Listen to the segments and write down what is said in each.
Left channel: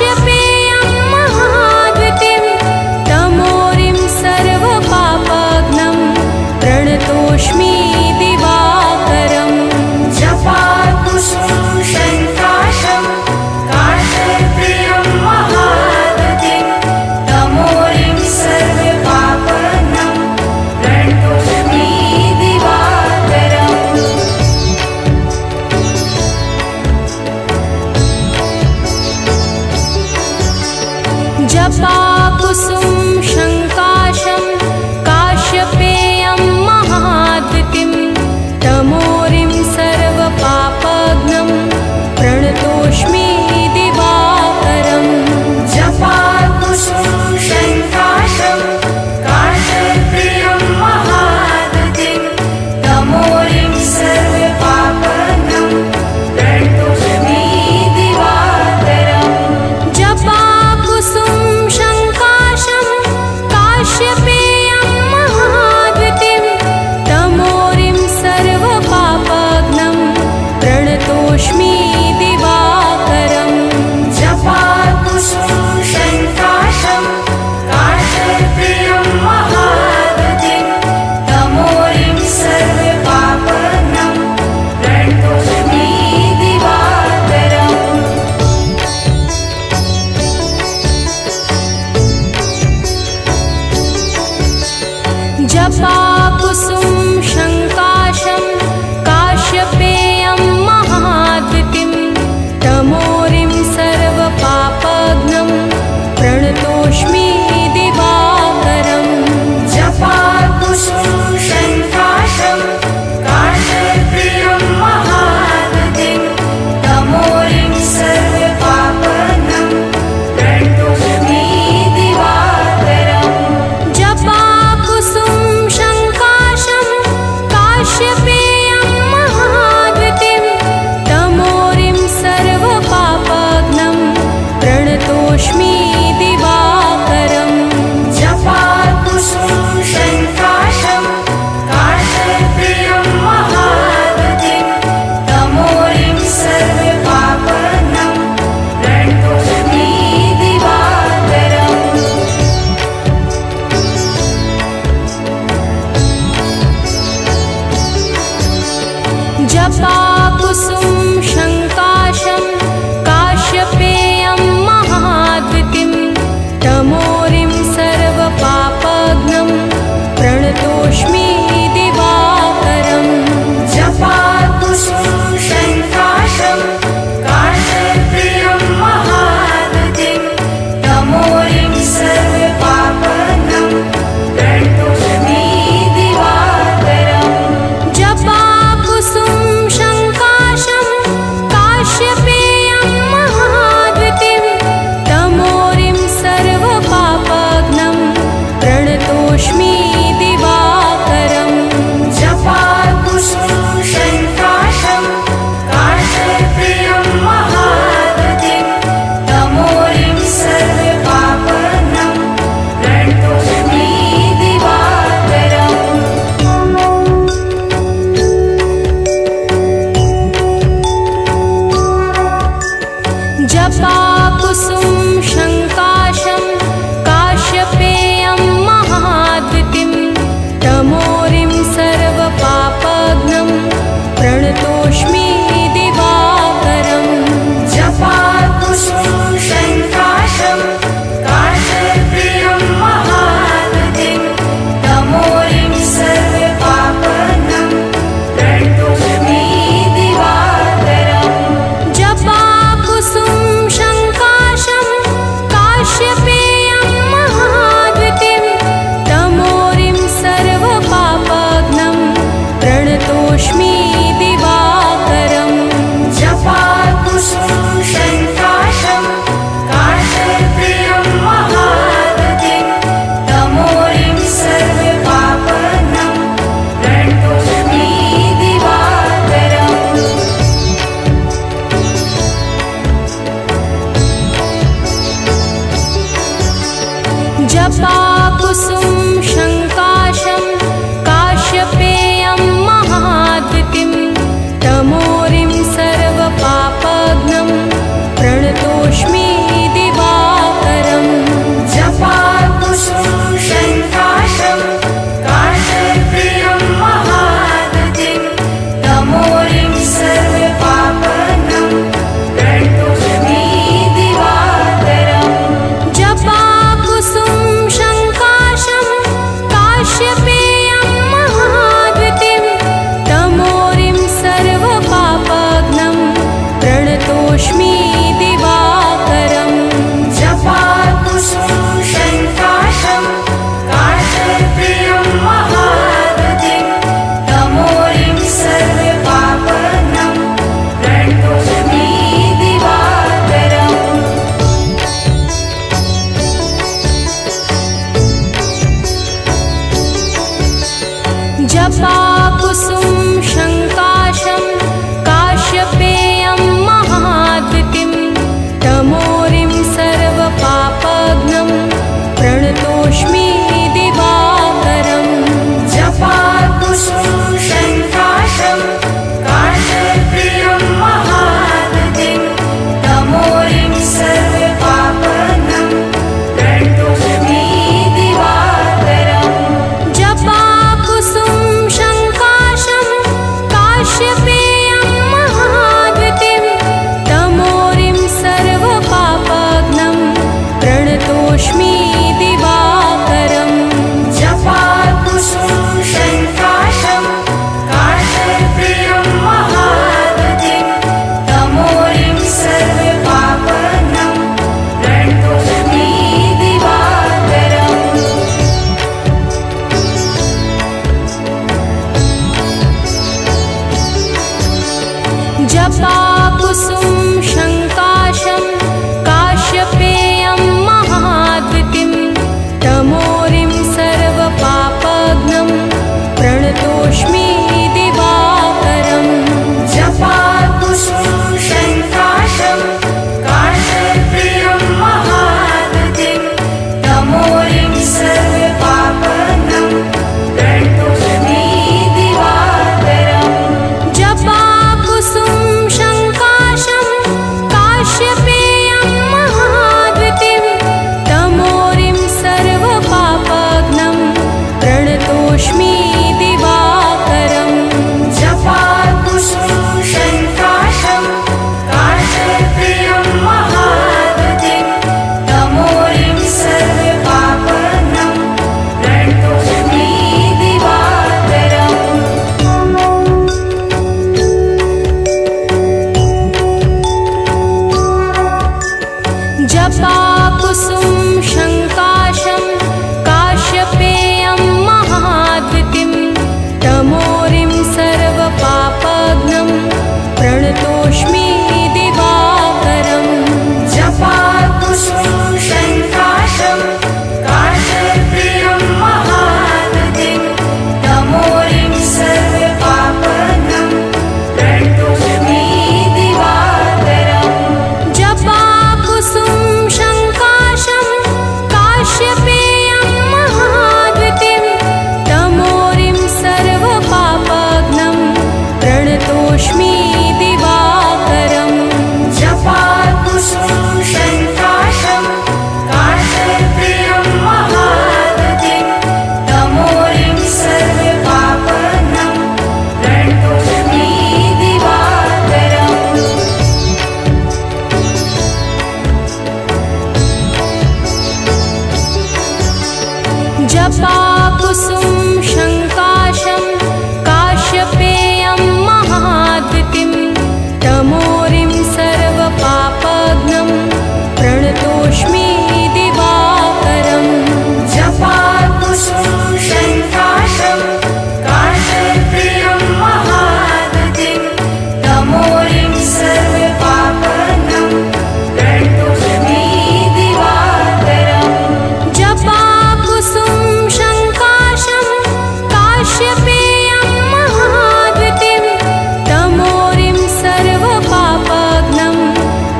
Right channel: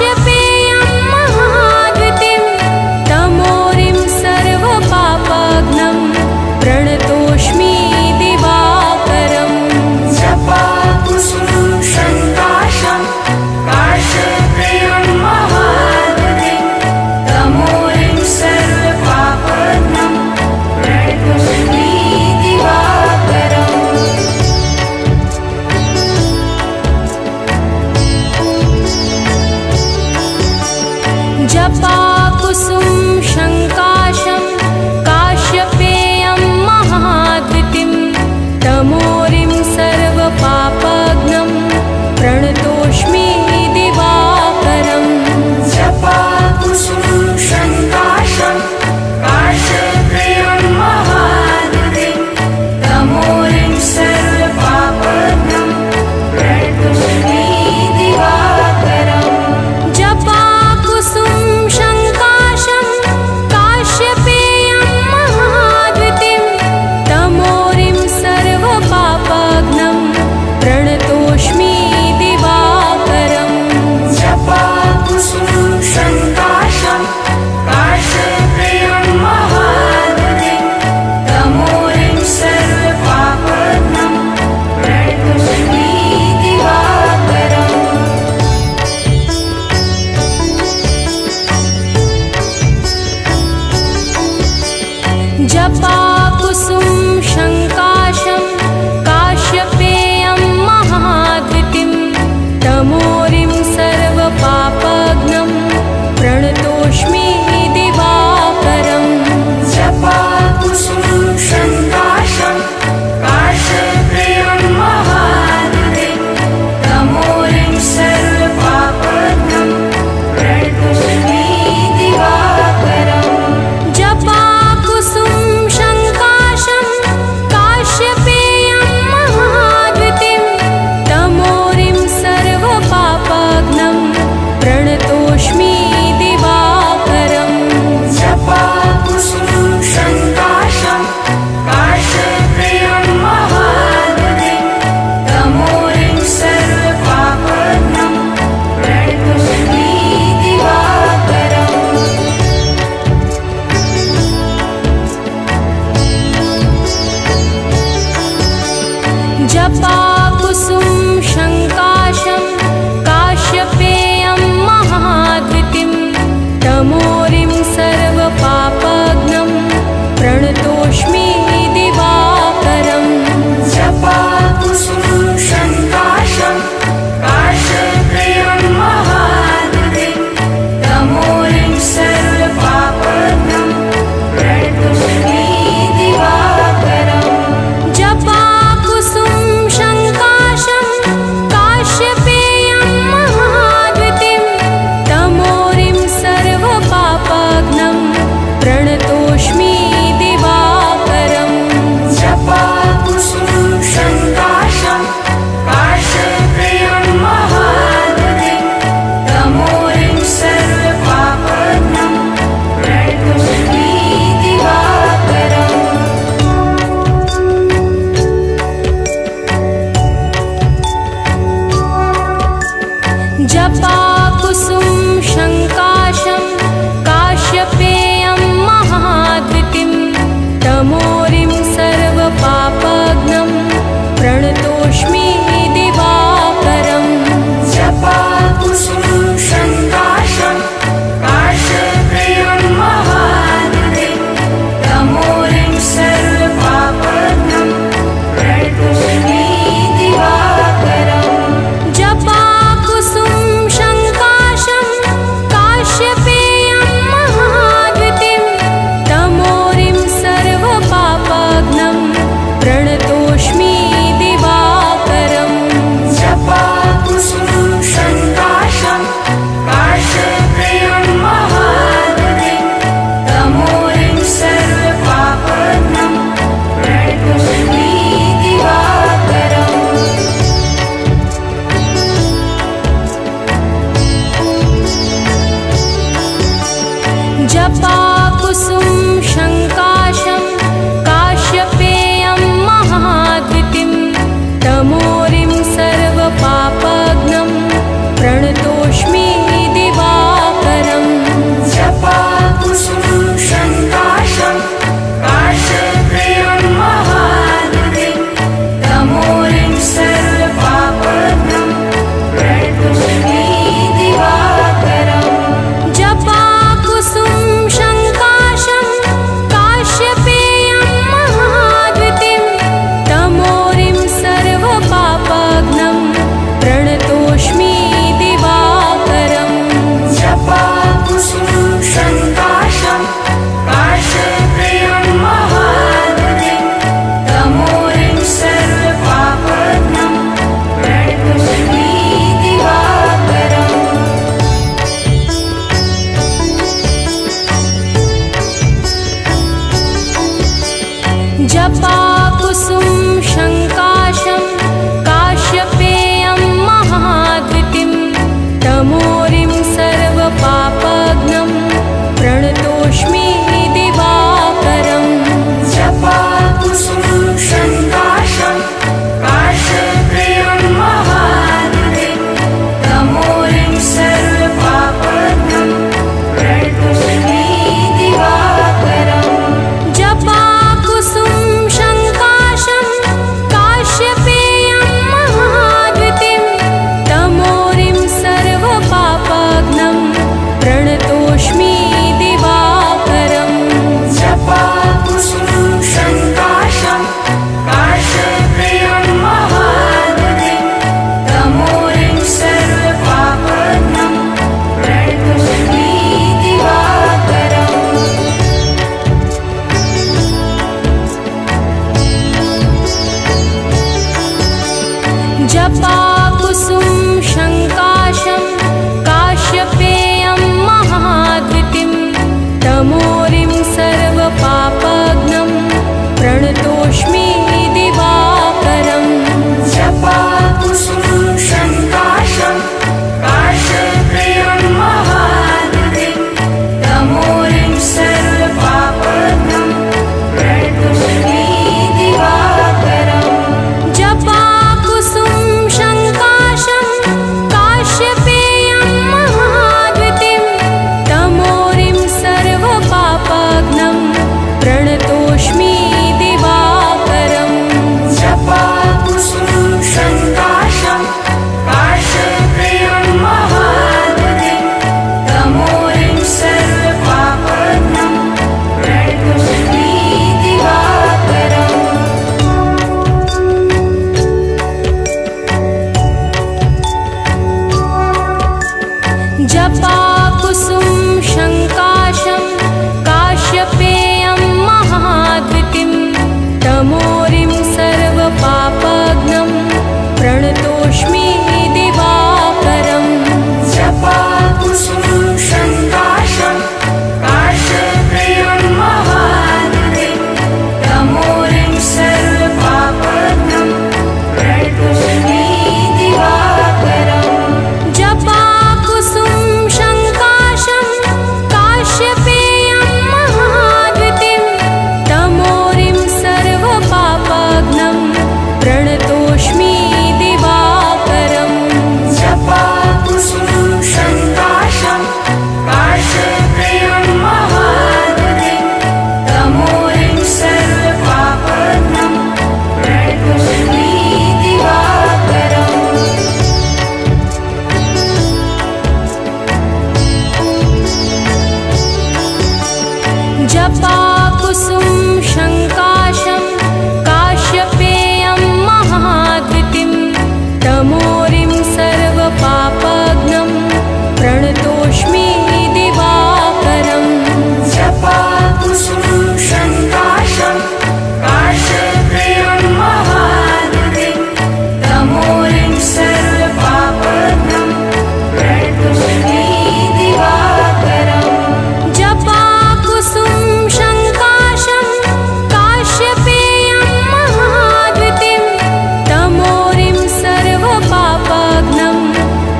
काश्यपेयं महाद्वितीं तमोरिं सर्वपापघ्नं प्रणतोऽस्मि दिवाकरम् जपाकुसुमं शङ्काशं काश्यपेयं महाद्वितीं तमोरिं सर्वपापघ्नं प्रणतोऽस्मि दिवाकरम् जपाकुसुम शङ्काशं काश्यपेयं महाद्वितीं तमोरिं सर्वपापघ्नं प्रणतोऽस्मि दिवाकरम् जपाकुसुमं शङ्काशं काश्यपेयं महाद्वितीं तमोरिं सर्वपापघ्नं प्रणतोऽस्मि दिवाकरम् जपाकुसुम शङ्काशं काश्यपेयं महाद्वितीं तमोरिं सर्वपापघ्नं प्रणतोऽस्मि दिवाकरम् जपाकुसुमं शङ्काशं काश्यपेयं महाद्वितीं तमोरिं सर्वपापघ्नं प्रणतोऽस्मि दिवाकरम् जपाकुसुम शङ्काशं काश्यपेयं महाद्वितीं तमोरिं सर्वपापघ्नं प्रणतोऽस्मि दिवाकरम् जपाकुसुमं शङ्काशं काश्यपेयं महाद्वितीं तमोरिं सर्वपापघ्नं प्रणतोऽस्मि दिवाकरम् जपाकुसुम शङ्काशं काश्यपेयं महाद्वितीं तमोरिं सर्वपापघ्नं प्रणतोऽस्मि दिवाकरम् जपाकुसुमं शङ्काशं काश्यपेयं महाद्वितीं तमोरिं सर्वपापघ्नं प्रणतोऽस्मि दिवाकरम् जपाकुसुम शङ्काशं काश्यपेयं महाद्वितीं तमोरिं सर्वपापघ्नं प्रणतोऽस्मि दिवाकरम् जपाकुसुमं शङ्काशं काश्यपेयं महाद्वितीं तमोरिं सर्वपापघ्नं प्रणतोऽस्मि दिवाकरम् जपाकुसुम शङ्काशं काश्यपेयं महाद्वितीं तमोरिं सर्वपापघ्नं प्रणतोऽस्मि दिवाकरम् जपाकुसुमं शङ्काशं काश्यपेयं महाद्वितीं तमोरिं सर्वपापघ्नं प्रणतोऽस्मि दिवाकरम् जपाकुसुम शङ्काशं काश्यपेयं महाद्वितीं तमोरिं सर्वपापघ्नं प्रणतोऽस्मि दिवाकरम् जपाकुसुमं शङ्काशं काश्यपेयं महाद्वितीं तमोरिं सर्वपापघ्नं प्रणतोऽस्मि दिवाकरम् जपाकुसुम शङ्काशं काश्यपेयं महाद्वितीं तमोरिं सर्वपापघ्नं प्रणतोऽस्मि दिवाकरम् जपाकुसुमं शङ्काशं काश्यपेयं महाद्वितीं तमोरिं सर्वपापघ्नं प्रणतोऽस्मि दिवाकरम् जपाकुसुम शङ्काशं काश्यपेयं महाद्वितीं तमोरिं सर्वपापघ्नं प्रणतोऽस्मि दिवा जपाकुसुम शङ्काशं काश्यपेयं महाद्युतिं तमोरिं सर्वपापघ्नं प्रणतोऽस्मि दिवाकरम् जपाकुसुम शङ्काशं काश्यपेयं महाद्युतिं तमोरिं सर्वपापघ्नं प्रणतोऽस्मि दिवाकरम् जपाकुसुम शङ्काशं काश्यपेयं महाद्युतिं तमोरिं सर्वपापघ्नं प्रणतोऽस्मि दिवाकरम् जपाकुसुम शङ्काशं काश्यपेयं महाद्युतिं तमोरिं सर्वपापघ्नं प्रणतोऽस्मि दिवाकरम् जपाकुसुम शङ्काशं काश्यपेयं महाद्युतिं तमोरिं सर्वपापघ्नं प्रणतोऽस्मि दिवाकरम् जपाकुसुम शङ्काशं काश्यपेयं महाद्युतिं तमोरिं सर्वपापघ्नं प्रणतोऽस्मि दिवाकरम् जपाकुसुम शङ्काशं काश्यपेयं महाद्युतिं तमोरिं सर्वपापघ्नं प्रणतोऽस्मि दिवाकरम् जपाकुसुम शङ्काशं काश्यपेयं महाद्युतिं तमोरिं सर्वपापघ्नं प्रणतोऽस्मि दिवाकरम् जपाकुसुम शङ्काशं काश्यपेयं महाद्युतिं तमोरिं सर्वपापघ्नं प्रणतोऽस्मि दिवाकरम् जपाकुसुम शङ्काशं काश्यपेयं महाद्युतिं तमोरिं सर्वपापघ्नं प्रणतोऽस्मि दिवाकरम् जपाकुसुम शङ्काशं काश्यपेयं महाद्युतिं तमोरिं सर्वपापघ्नं प्रणतोऽस्मि दिवाकरम् जपाकुसुम शङ्काशं काश्यपेयं महाद्युतिं तमोरिं सर्वपापघ्नं प्रणतोऽस्मि दिवाकरम् जपाकुसुम शङ्काशं काश्यपेयं महाद्युतिं तमोरिं सर्वपापघ्नं प्रणतोऽस्मि दिवाकरम् जपाकुसुम शङ्काशं काश्यपेयं महाद्युतिं तमोरिं सर्वपापघ्नं प्रणतोऽस्मि दिवाकरम् जपाकुसुम शङ्काशं काश्यपेयं महाद्युतिं तमोरिं सर्वपापघ्नं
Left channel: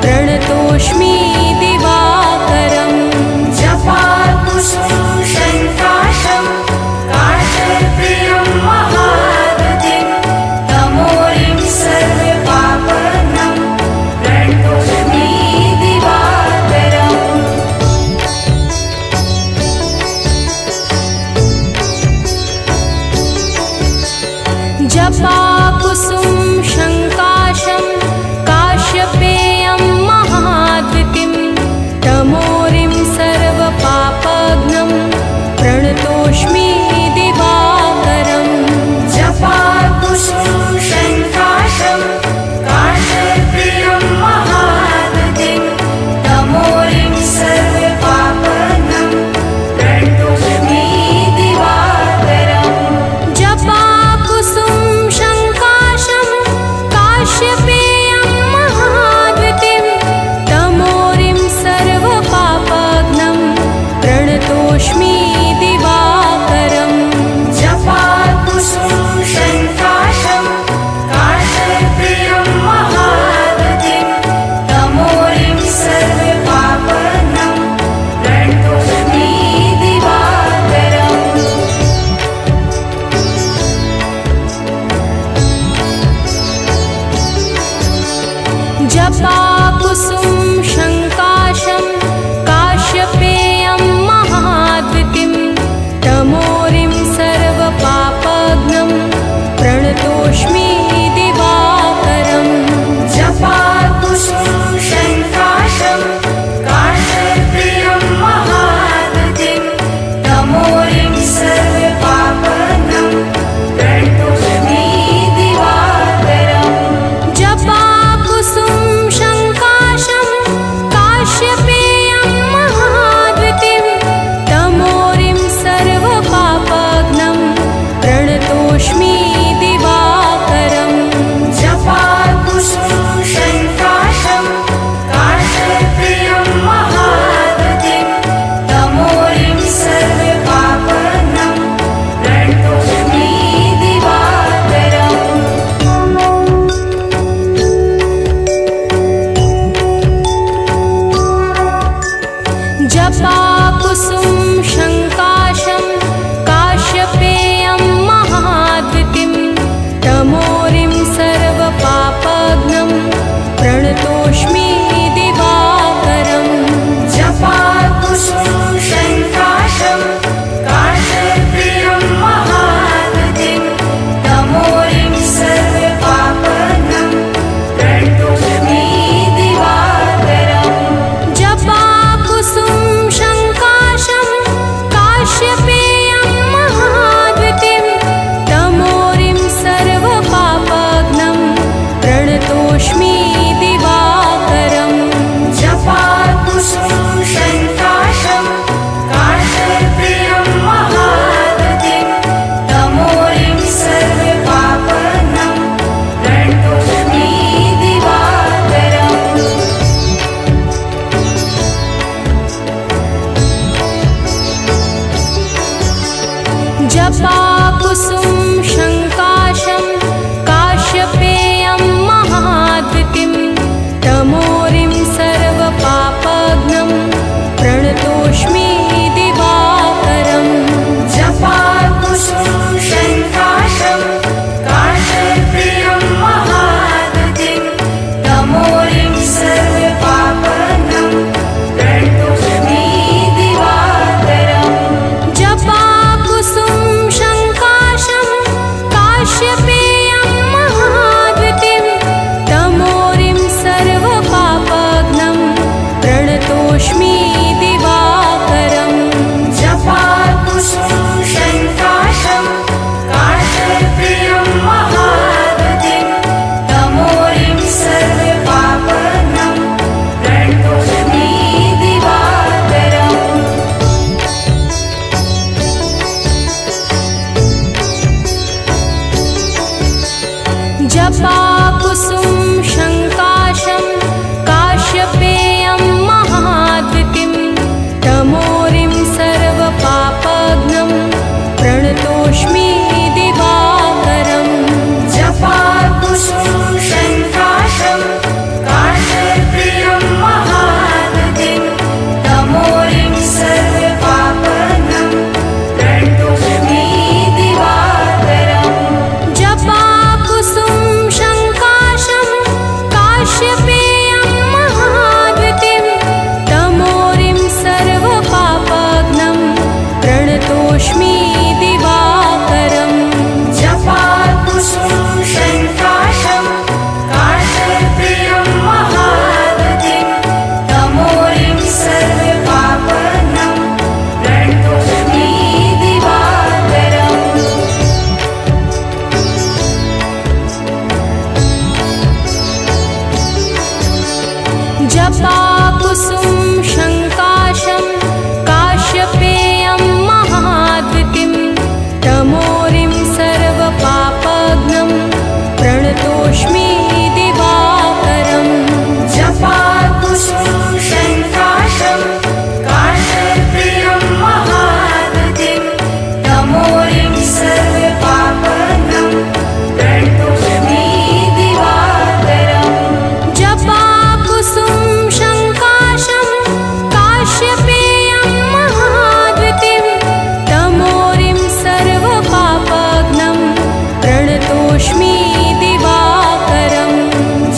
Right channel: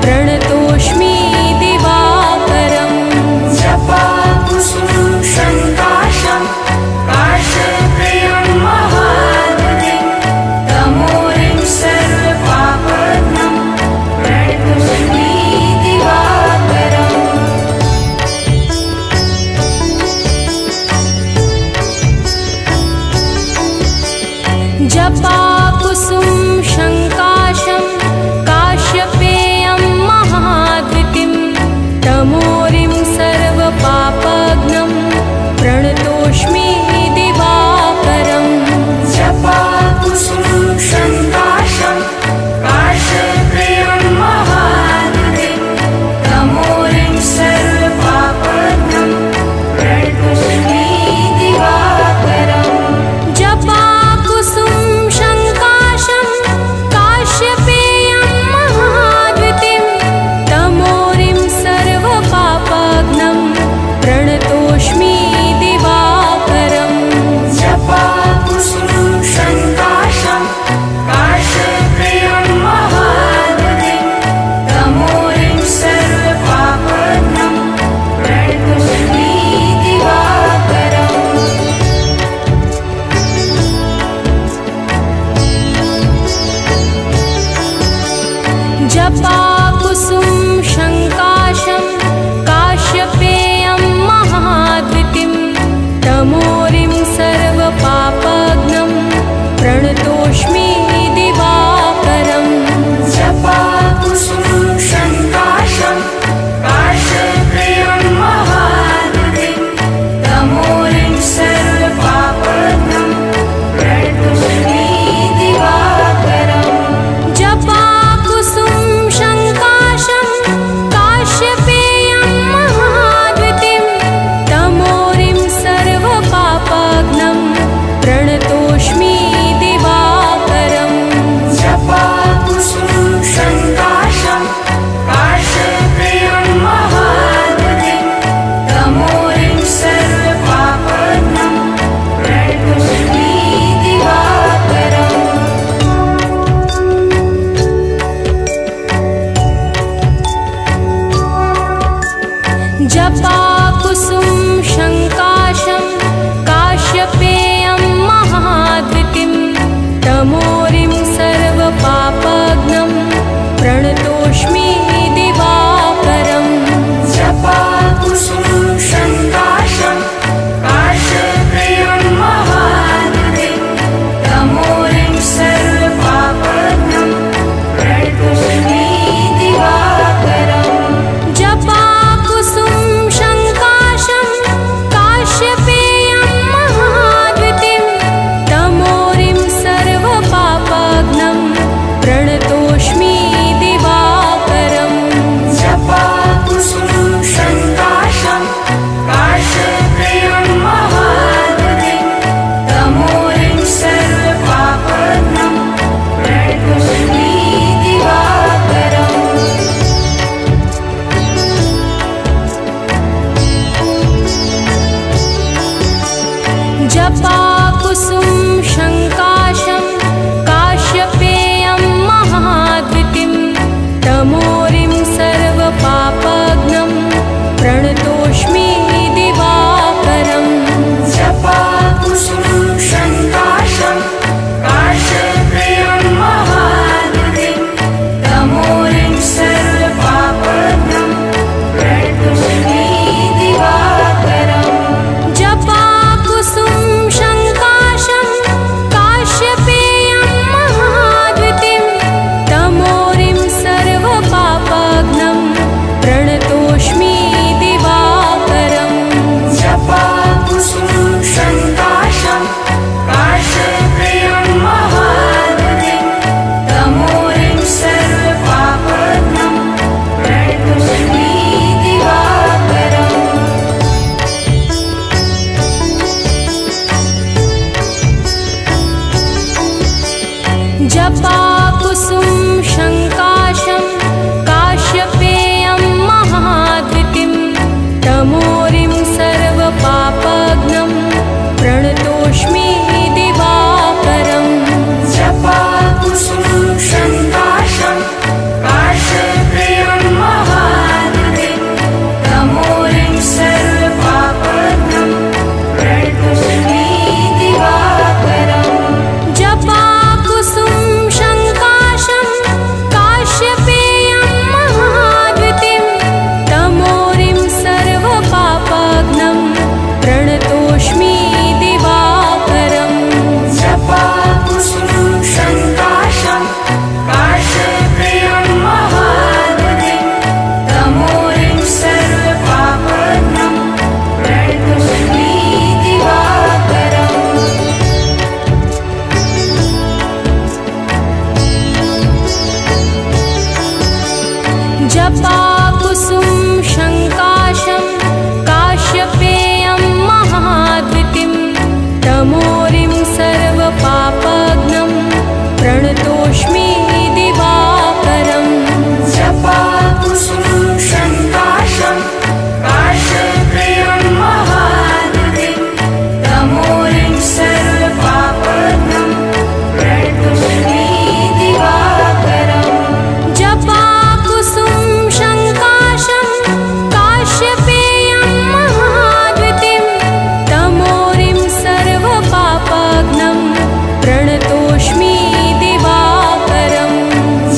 प्रणतोऽस्मि दिवाकरम् जपाकुसुम शङ्काशं काश्यपेयं महाद्युतिं तमोरिं सर्वपापघ्नं प्रणतोऽस्मि दिवाकरम् जपाकुसुम शङ्काशं काश्यपेयं महाद्युतिं तमोरिं सर्वपापघ्नं प्रणतोऽस्मि दिवाकरम् जपाकुसुम शङ्काशं काश्यपेयं महाद्युतिं तमोरिं सर्वपापघ्नं प्रणतोऽस्मि दिवाकरम् जपाकुसुम शङ्काशं काश्यपेयं महाद्युतिं तमोरिं सर्वपापघ्नं प्रणतोऽस्मि दिवाकरम् जपाकुसुम शङ्काशं काश्यपेयं महाद्वितीं तमोरिं सर्वपापघ्नं प्रणतोऽस्मि दिवाकरम् जपाकुसुम शङ्काशं काश्यपेयं महाद्वितीं तमोरिं सर्वपापघ्नं प्रणतोऽस्मि दिवाकरम् जपाकुसुम शङ्काशं काश्यपेयं महाद्वितीं तमोरिं सर्वपापघ्नं प्रणतोऽस्मि दिवाकरम् जपाकुसुम शङ्काशं काश्यपेयं महाद्वितीं तमोरिं सर्वपापघ्नं प्रणतोऽस्मि दिवाकरम् जपाकुसुम शङ्काशं काश्यपेयं महाद्वितीं तमोरिं सर्वपापघ्नं प्रणतोऽस्मि दिवाकरम् जपाकुसुम शङ्काशं काश्यपेयं महाद्वितीं तमोरिं सर्वपापघ्नं प्रणतोऽस्मि दिवाकरम् जपाकुसुम शङ्काशं काश्यपेयं महाद्वितीं तमोरिं सर्वपापघ्नं प्रणतोऽस्मि दिवाकरम् जपाकुसुम शङ्काशं काश्यपेयं महाद्वितीं तमोरिं सर्वपापघ्नं प्रणतोऽस्मि दिवाकरम् जपाकुसुम शङ्काशं काश्यपेयं महाद्वितीं तमोरिं सर्वपापघ्नं प्रणतोऽस्मि दिवाकरम् जपाकुसुम शङ्काशं काश्यपेयं महाद्वितीं तमोरिं सर्वपापघ्नं प्रणतोऽस्मि दिवाकरम् जपाकुसुम शङ्काशं काश्यपेयं महाद्वितीं तमोरिं सर्वपापघ्नं प्रणतोऽस्मि दिवाकरम् जपाकुसुम शङ्काशं काश्यपेयं महाद्वितीं तमोरिं सर्वपापघ्नं प्रणतोऽस्मि दिवाकरम् जपाकुसुम शङ्काशं काश्यपेयं महाद्वितीं तमोरिं सर्वपापघ्नं प्रणतोऽस्मि दिवाकरम् जपाकुसुम शङ्काशं काश्यपेयं महाद्वितीं तमोरिं सर्वपापघ्नं प्रणतोऽस्मि दिवाकरम् जपाकुसुम शङ्काशं काश्यपेयं महाद्वितीं तमोरिं सर्वपापघ्नं प्रणतोऽस्मि दिवाकरम्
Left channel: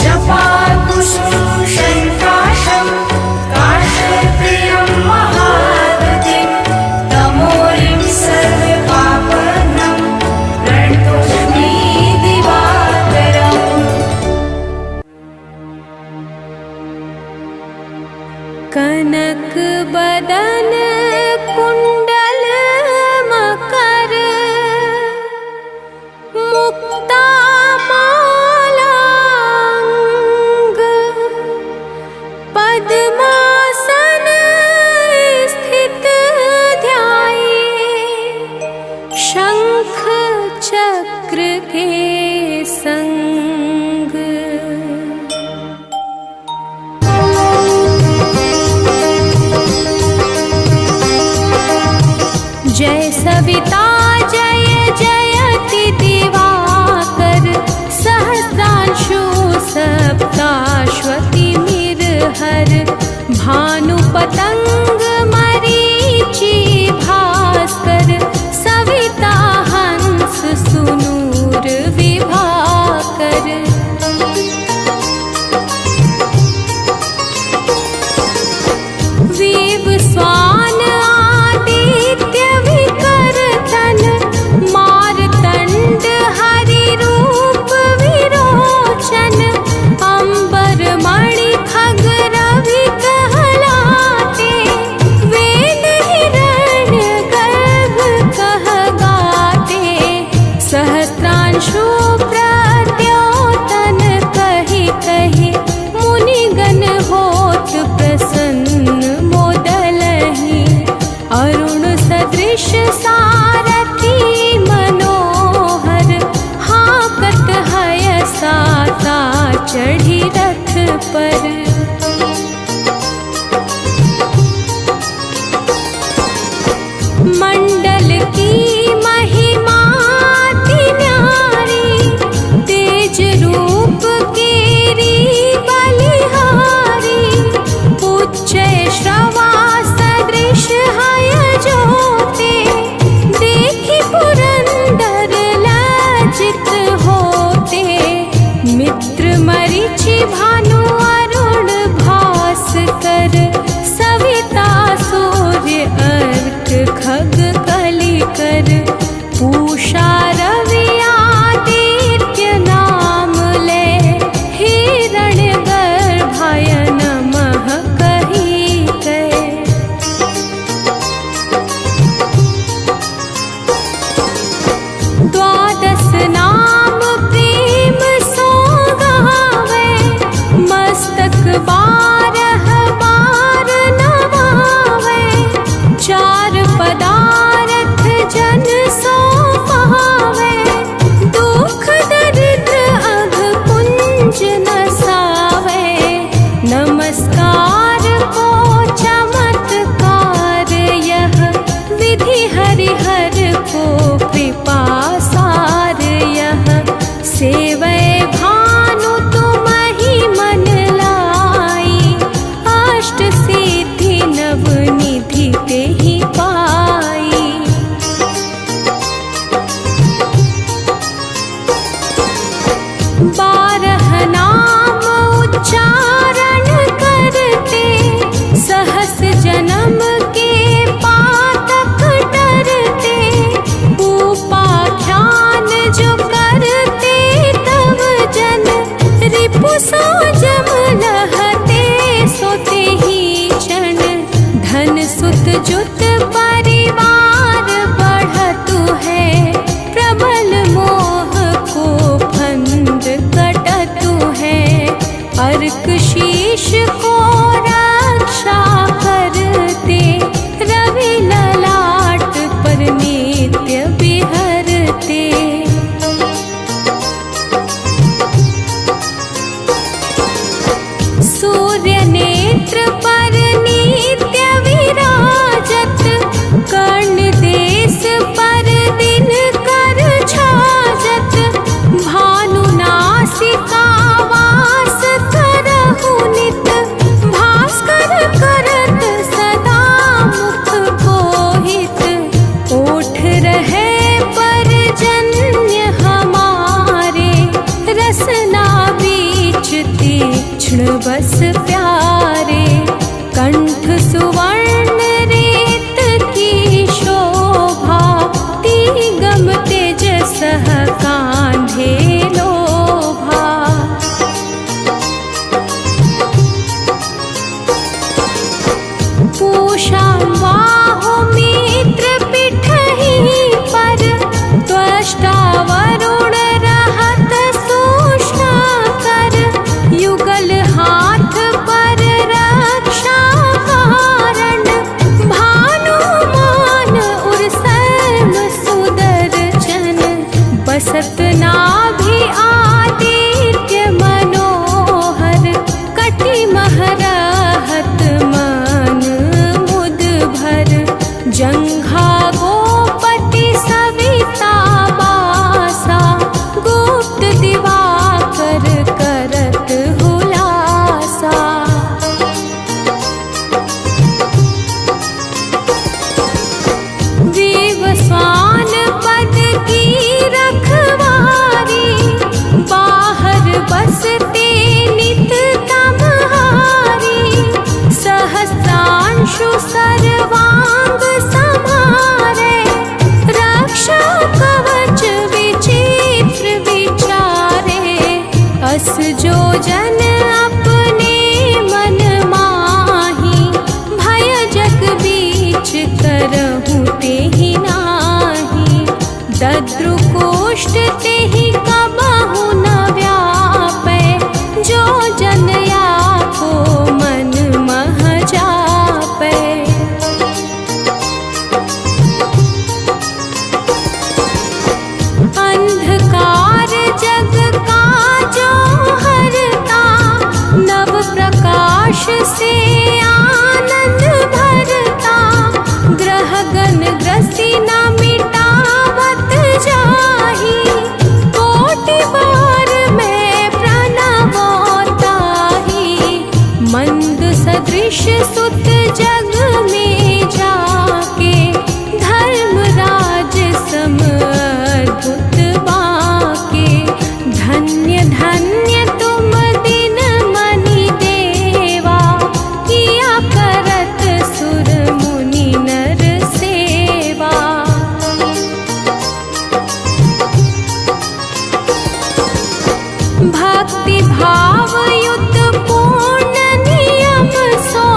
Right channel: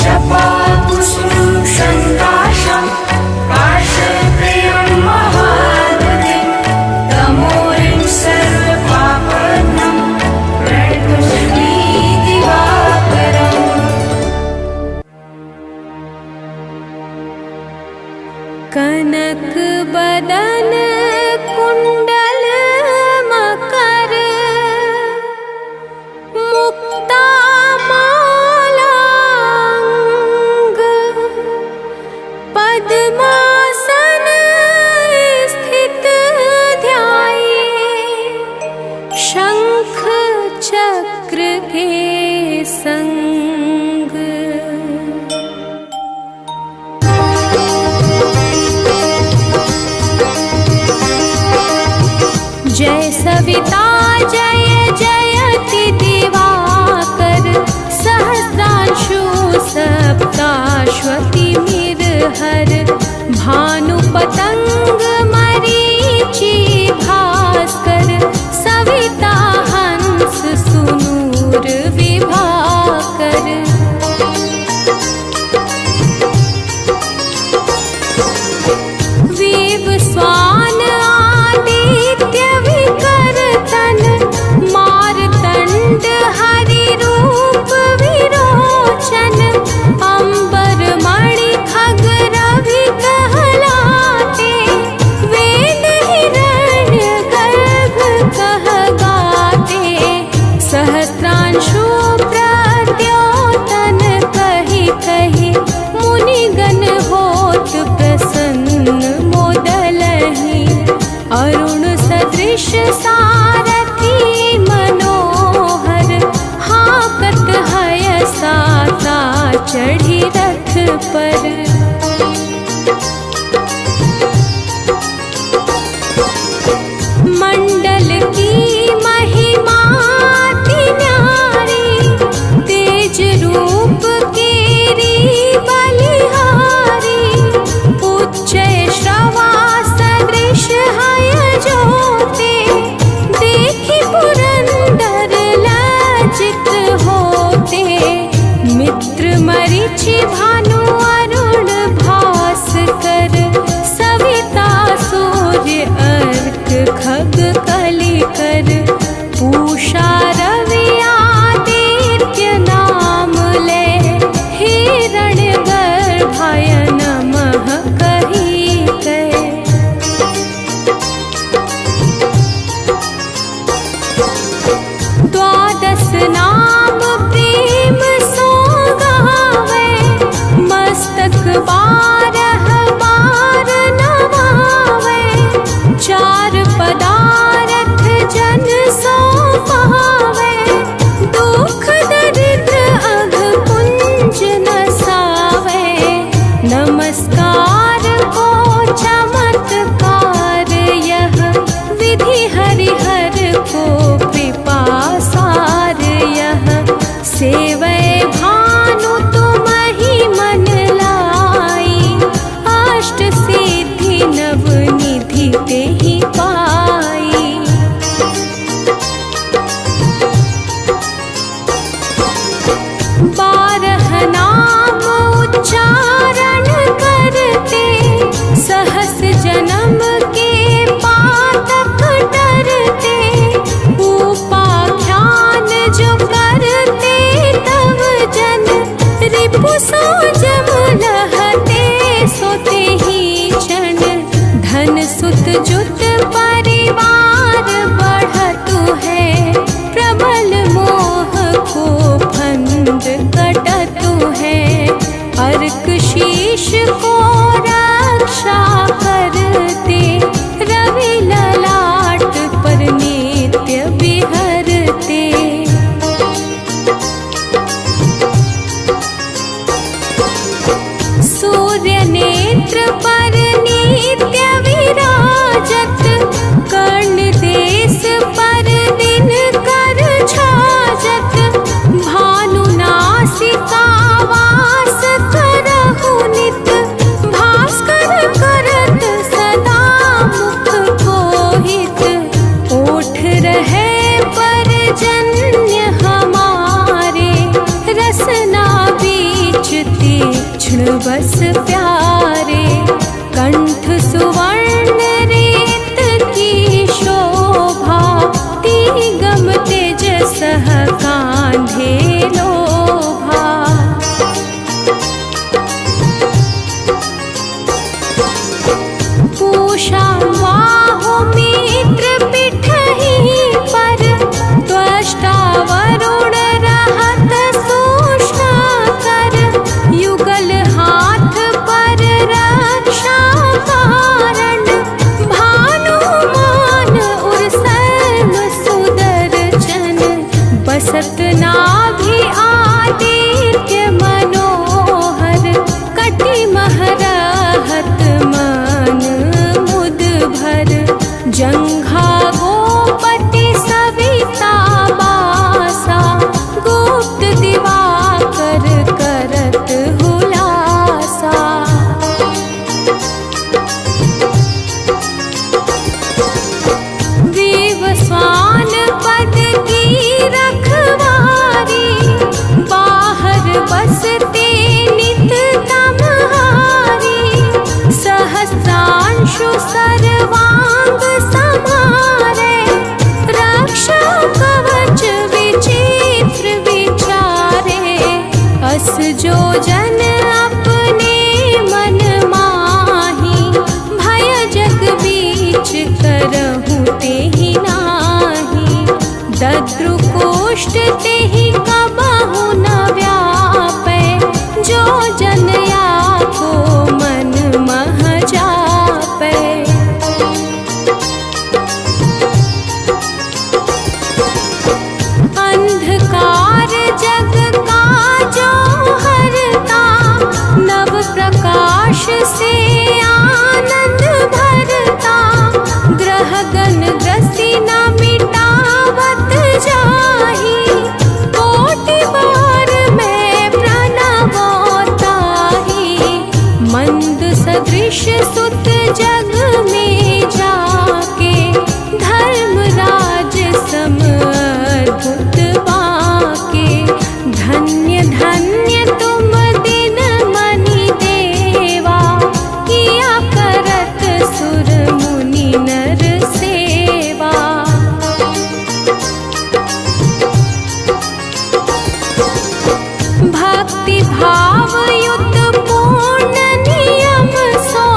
जपाकुसुम शङ्काशं काश्यपेयं महाद्वितीं तमोरिं सर्वपापघ्नं प्रणतोऽस्मि दिवाकरम् कनक बदन कुंडल मकर मुक्ता मालांग पद्मासन स्थित ध्याये शंख चक्र के संग जय सविता जय जयति दिवाकर सहस्रांशु सप्ताश्वति मिरहर भानु पतंग भास्कर सविता हंस सुनूर विभाकर। विवस्वान आदित्य विकर्तन मारतंड हरि रूप विरोचन। अंबर मणि खग रवि कहलाते वेद हिरण्य गर्भ कह गाते। सहस्त्रांशु प्रद्योतन कहि कहि मुनिगण होत प्रसन्न मोदलहि। अरुण सदृश सारथी मनोहर हाकत हय साता चढ़ी रथ पर। मंडल की महिमा अति न्यारी तेज रूप केरी बलिहारी। उच्चय श्रवा सदृश हय ज्योते देखि पुरंदर लज्जित होते। मित्र मरीचि भानु अरुण भास्कर सविता सूर्य अर्क खग कलिकर। पूषा रवि आदित्य नाम ले हिरण्य गर्भाय नमः कहि कहे। द्वादश नाम प्रेम सो गावे मस्तक बारह बार नवावे। चार पदारथ जन सो पावे दुख दरिद्र अघ पुंज नसावे। नमस्कार को चमत्कार यह विधि हरिहर को कृपा सार यह। सेवै भानु तुमहि मन लाई अष्ट सिद्धि नव निधि तेहि पाई। बारह नाम उच्चारण करते सहस जन्म के पातक डरते। उपाख्यान जो करते तव जन रिपु सो जम लहते सोते ही क्षण। धन सुत जुत परिवार बढ़तु है प्रबल मोह को फंद कटतु है। अर्क शीश को रक्षा करते रवि ललाट पर नित्य विहरते। सूर्य नेत्र पर नित्य विराजत कर्ण देश पर दिन कर छाजत। भानु नासिका वास करहु नित भास्कर करत सदा मुख कोहित। ओठ रहे पर जन्य हमारे रसना बीच तीक्ष्ण बस प्यारे। कंठ सुवर्ण रेत की शोभा तिगम तेजसः कांधे लोभा। पूषा बाहु मित्र पिठहि पर त्वष्टा वरुण रहत सूक्ष्म कर। युगल हाथ पर रक्षा कारण भानुमान उर सर्व सुदर्शन। बसत नाभि आदित्य मनोहर कटि महरहत मन मुद भर। जंघा गोपति सविता बासा गुप्त दिवाकर करत हुलासा। अंशु सर्वांग समारे, रक्षा कवच विचित्र विचारे। अस जो जन अपने मन माही, भय जग बीच करहु तेहि नाही। दद्रु कोष्ठ तेहि कबहु न व्यापै, जो जन को मन मह जापै। अंधकार जग का जो हरता, नव प्रकाश से आनंद भरता। ग्रह गण ग्रसी न मिटावत जाही, कोटि बार मैं प्रणवताही। मंद सदृश सुत जग में जाके, धर्मराज सम अद्भुत बाके। धन्य धन्य तुम दिन मनि देवा, किया करत सुर मुनि नर सेवा। भक्ति भाव युत पूर्ण नियम सो,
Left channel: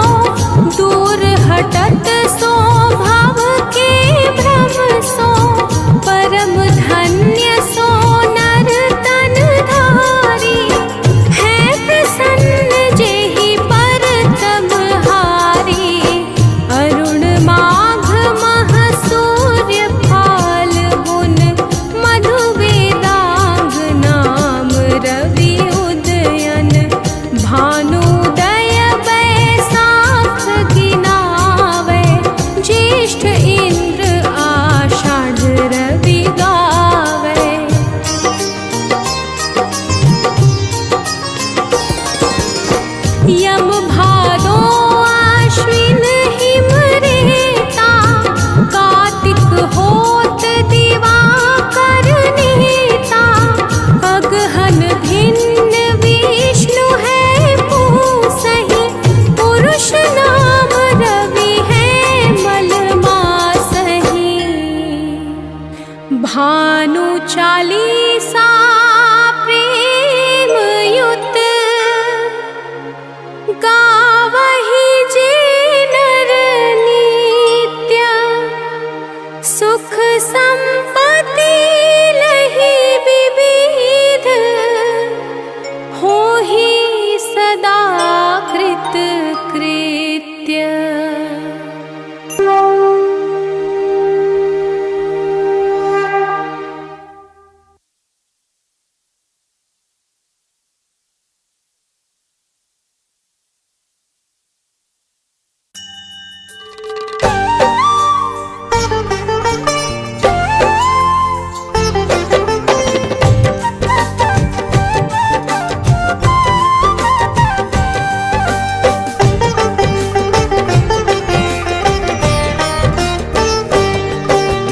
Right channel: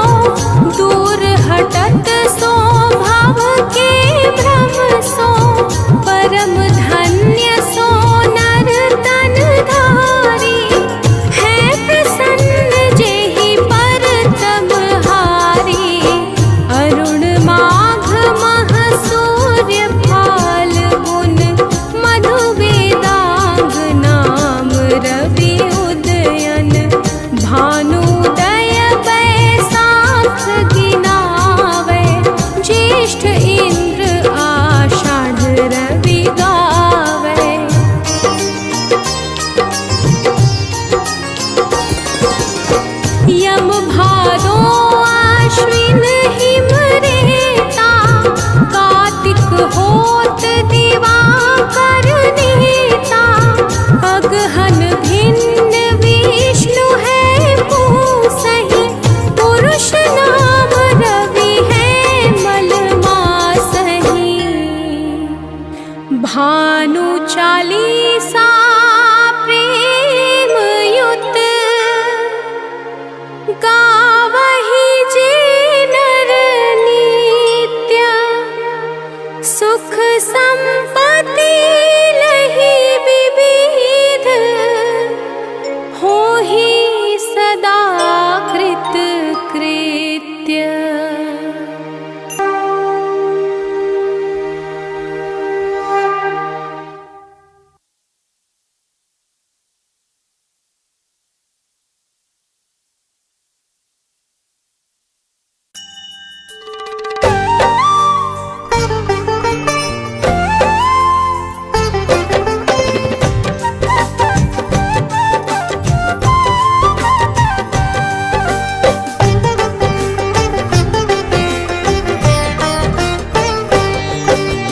दूर हटत सो भाव के भ्रम सो। परम धन्य सो नर तन धारी, है प्रसन्न जेहि पर तम हारी। अरुण माघ मह सूर्य फाल्गुन, मधु वेदांग नाम रवि उदयन। भानुदय बैसाख गिनावे, ज्येष्ठ इंद्र आषाढ़ रवि गावे। यम भादो आश्विन हिम रेता, कार्तिक होत दिवाकर नीता। अगहन भिन्न विष्णु है पूसहि, पुरुष नाम रवि है मल मासहि। भानु चालीसा प्रेम युत, गावहि जे नर नित्य। सुख संपत्ति लहि विविध, होहि सदा कृत कृत्य।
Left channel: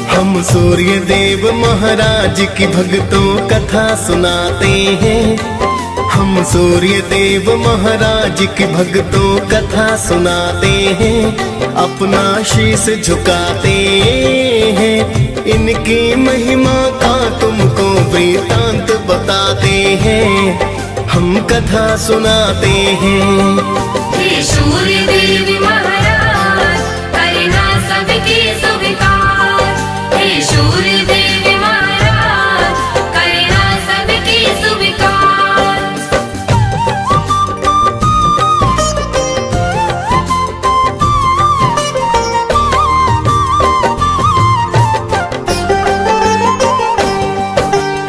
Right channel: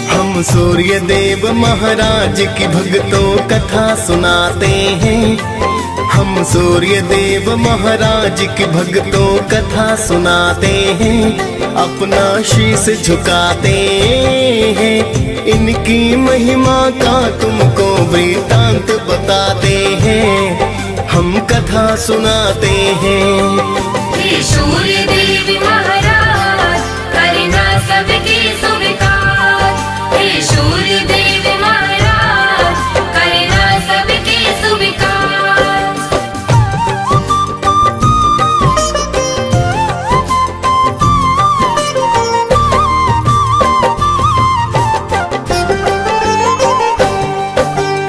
हम सूर्य देव महाराज की भक्तों कथा सुनाते हैं। हम सूर्य देव महाराज की भक्तों कथा सुनाते हैं। अपना शीश झुकाते हैं, इनकी महिमा का तुमको वृतांत बताते हैं। हम कथा सुनाते हैं। हे सूर्य देव महाराज, करना सबके स्वीकार। हे सूर्य देव महाराज, करना सबके स्वीकार।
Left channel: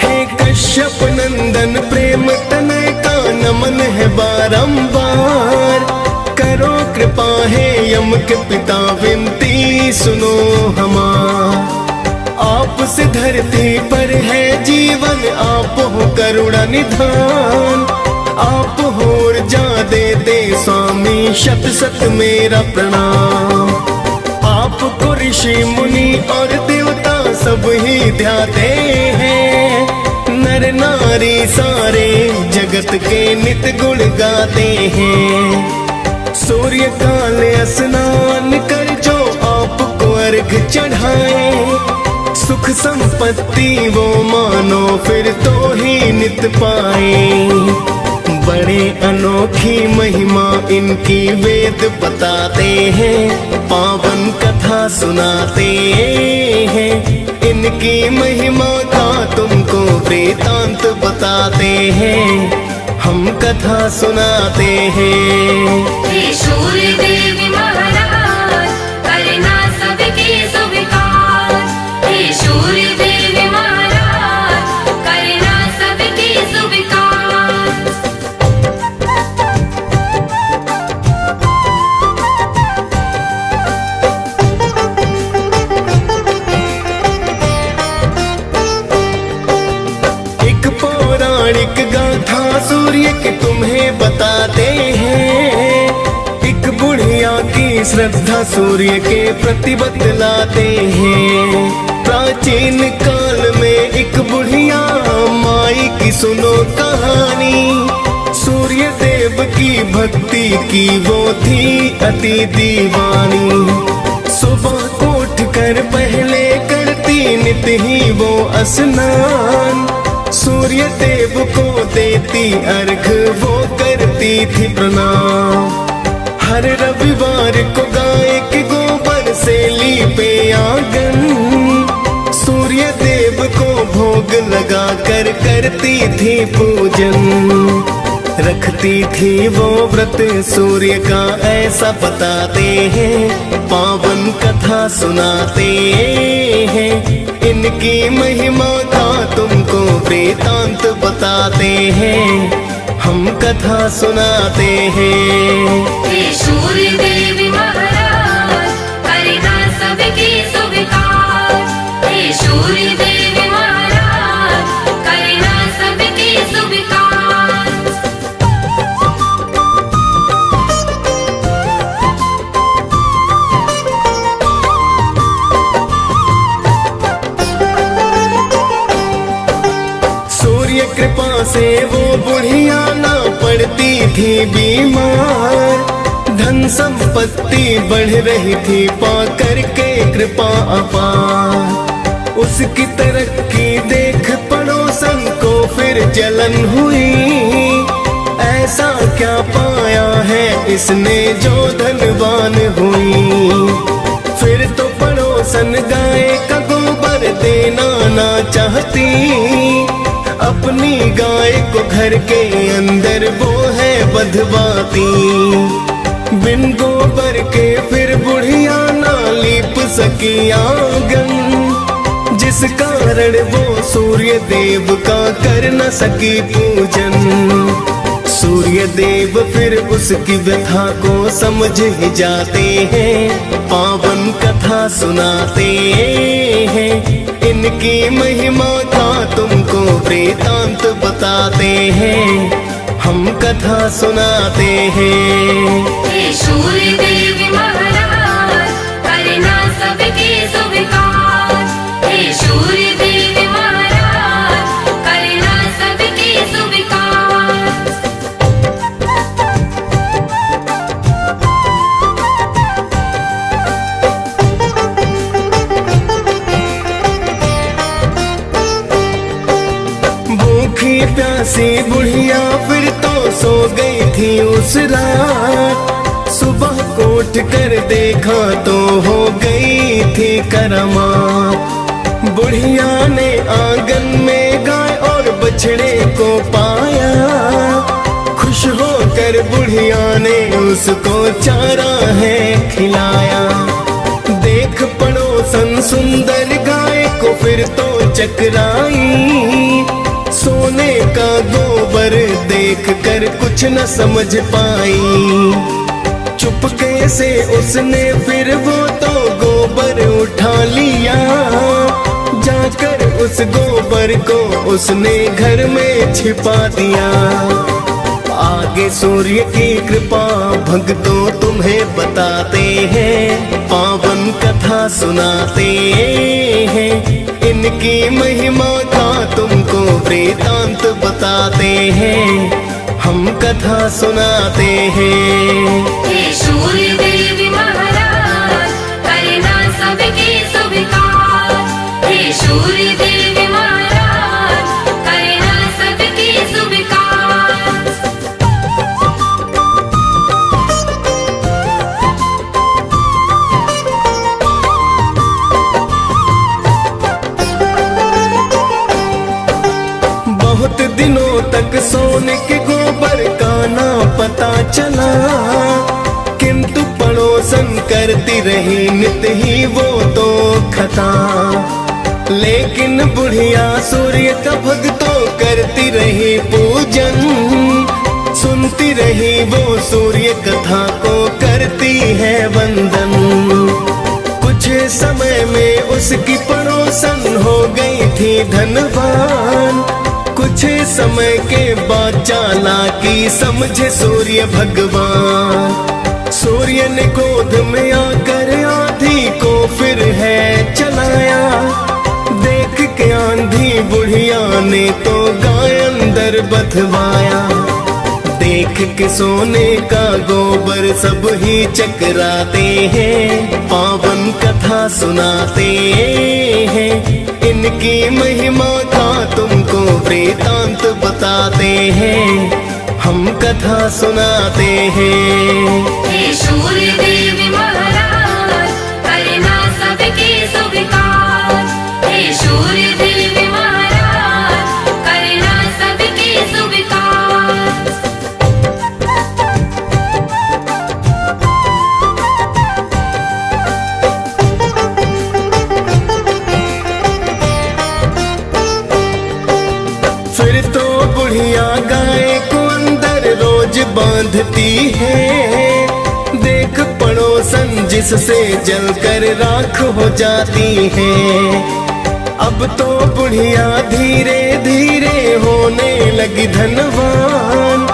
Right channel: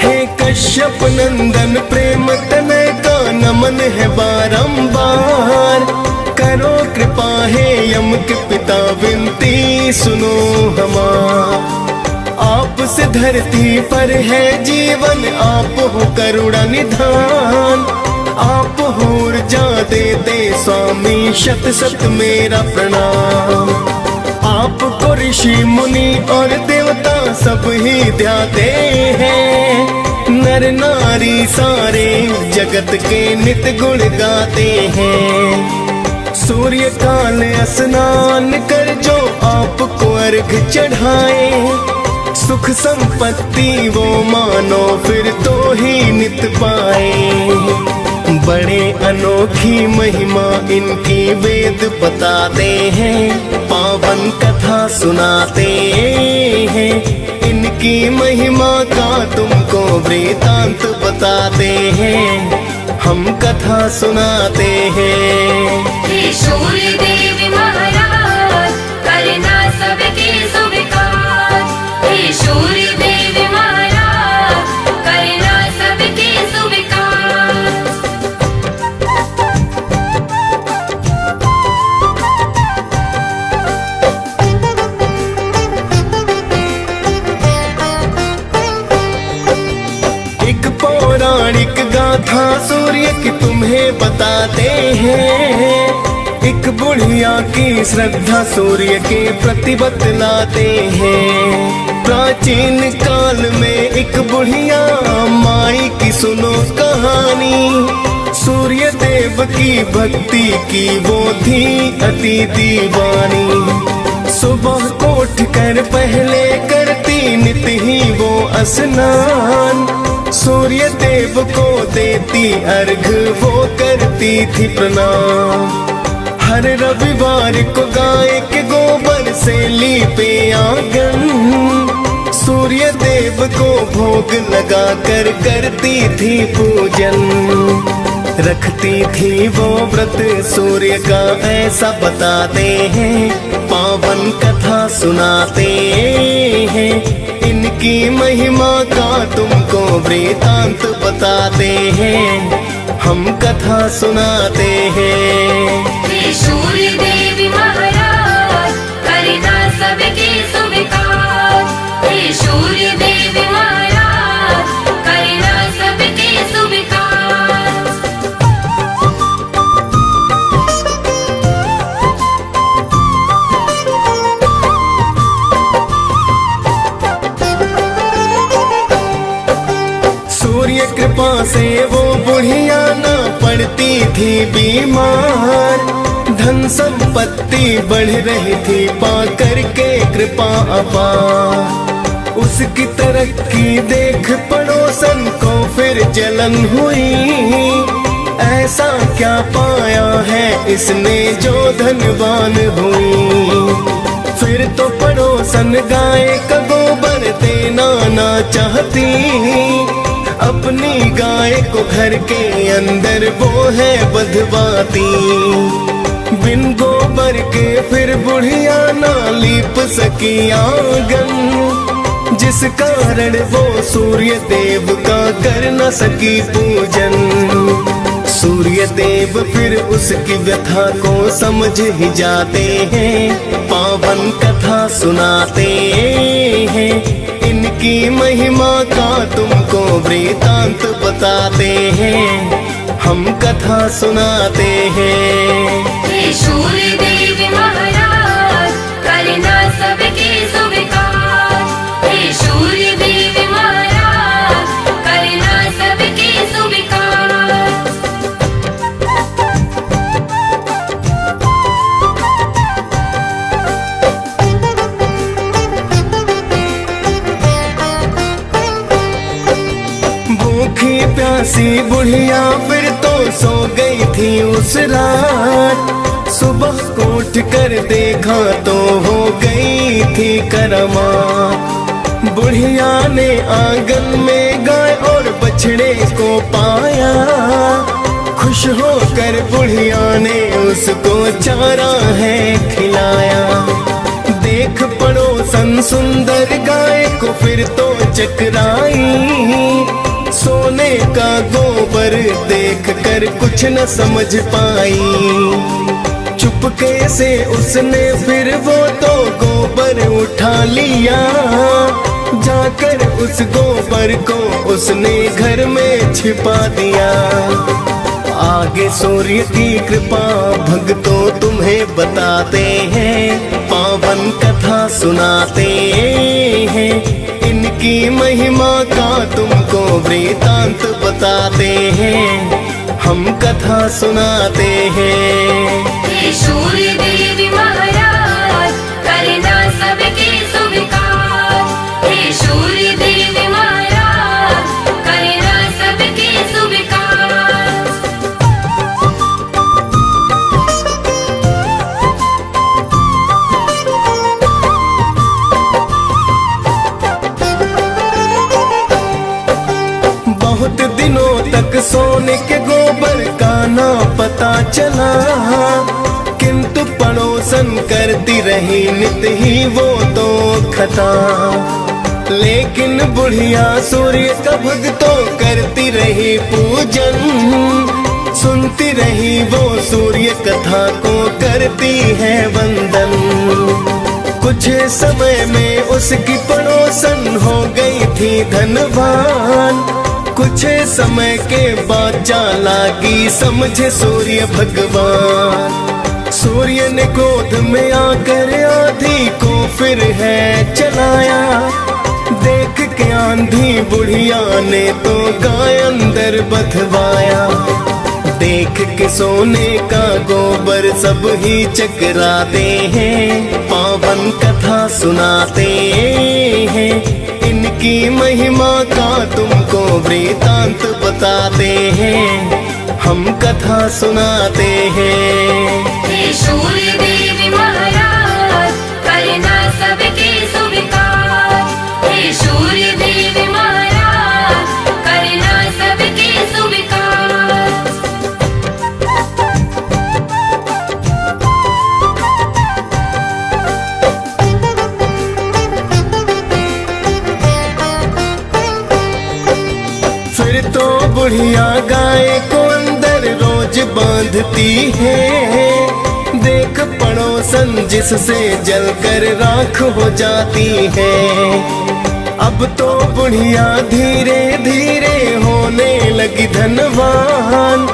हे कश्यप नंदन प्रेम तनय का नमन है बारंबार। करो कृपा है यम के पिता विनती सुनो हमार। आप से धरती पर है जीवन, आप हो करुणा निधान। आप हो ऊर्जा देते स्वामी, शत शत मेरा प्रणाम। आपको ऋषि मुनि और देवता सब ही ध्याते हैं। नर नारी सारे जगत के नित गुण गाते हैं। सूर्य काल स्नान कर जो आपको अर्घ चढ़ाए, सुख संपत्ति वो मानो फिर तो ही नित पाए। बड़े अनोखी महिमा इनकी वेद बताते हैं, पावन कथा सुनाते हैं। इनकी महिमा का तुमको वृतांत बताते हैं, हम कथा सुनाते हैं। हे सूर्य देव महाराज करना सबके स्वीकार। हे सूर्य देव महाराज करना सबके स्वीकार। एक पौराणिक गाथा सूर्य की तुम्हें बताते हैं, एक बुढ़िया की श्रद्धा सूर्य के प्रति बतलाते हैं। प्राचीन काल में एक बुढ़िया माई की सुनो कहानी, सूर्य देव की भक्ति की वो थी अति दीवानी। सुबह को उठकर पहले करती नित ही वो स्नान, सूर्य देव को देती अर्घ वो करती थी प्रणाम। हर रविवार को गाय के गोबर से लीपे आंगन, सूर्य देव को भोग लगा कर करती थी पूजन। रखती थी वो व्रत सूर्य का ऐसा बताते हैं, पावन कथा सुनाते हैं। इनकी महिमा का तुमको वृतांत बताते हैं, हम कथा सुनाते हैं। हे सूर्य देव महाराज करना सबके स्वीकार। हे सूर्य देव महाराज करना सबके स्वीकार। सूर्य कृपा से वो बुढ़िया ना पड़ती थी बीमार, धन संपत्ति बढ़ रही थी पा करके कृपा अपार। उसकी तरक्की देख पड़ोसन को फिर जलन हुई, ऐसा क्या पाया है इसने जो धनवान हुई। फिर तो पड़ोसन गाय का गोबर देना ना चाहती, अपनी गाय को घर के अंदर वो है बंधवाती। बिन गोबर के फिर बुढ़िया ना लीप सकी आंगन, जिस कारण वो सूर्य देव का कर न सकी पूजन। सूर्य देव फिर उसकी व्यथा को समझ ही जाते हैं, पावन कथा सुनाते हैं। इनकी महिमा का तुमको वृतांत बताते हैं, हम कथा सुनाते हैं। हे सूर्य देव महाराज करना सबके स्वीकार। हे सूर्य देव महाराज करना सबके स्वीकार। भूखी प्यासी बुढ़िया फिर तो सो गई थी उस रात, सुबह को उठ कर देखा तो हो गई थी करामात। बुढ़िया ने आंगन में गाय और बछड़े को पाया, खुश होकर बुढ़िया ने उसको चारा है खिलाया। देख पड़ोसन सुंदर गाय को फिर तो चकराई, सोने का गोबर देख कर कुछ न समझ पाई। चुपके से उसने फिर वो तो गोबर उठा लिया, जाकर उस गोबर को उसने घर में छिपा दिया। आगे सूर्य की कृपा भक्तों तुम्हें बताते हैं, पावन कथा सुनाते हैं। इनकी महिमा का तुमको वृतांत बताते हैं, हम कथा सुनाते हैं। हे सूर्य देव महाराज करना सबके स्वीकार। हे सूर्य देव महाराज करना सबके स्वीकार। बहुत दिनों तक सोने के गोबर का ना पता चला, किंतु पड़ोसन करती रही नित ही वो तो खता। लेकिन बुढ़िया सूर्य का भक्तों करती रही पूजन, सुनती रही वो सूर्य कथा को करती है वंदन। कुछ समय में उसकी पड़ोसन हो गई थी धनवान। कुछ समय के बाद चालाकी समझे सूर्य भगवान। सूर्य ने क्रोध में आकर आंधी को फिर है चलाया। देख के आंधी बुढ़िया ने तो गाय अंदर बधवाया। देख के सोने का गोबर सब ही चकराते हैं, पावन कथा सुनाते हैं। इनकी महिमा का तुमको वृतांत बताते हैं, हम कथा सुनाते हैं। हे सूर्य देव महाराज करना सबके स्वीकार। हे सूर्य देव महाराज करना सबके स्वीकार। फिर तो बुढ़िया गाय को अंदर रोज बांधती है। देख पड़ोसन जिससे जलकर राख हो जाती है। अब तो बुढ़िया धीरे धीरे होने लगी धनवान।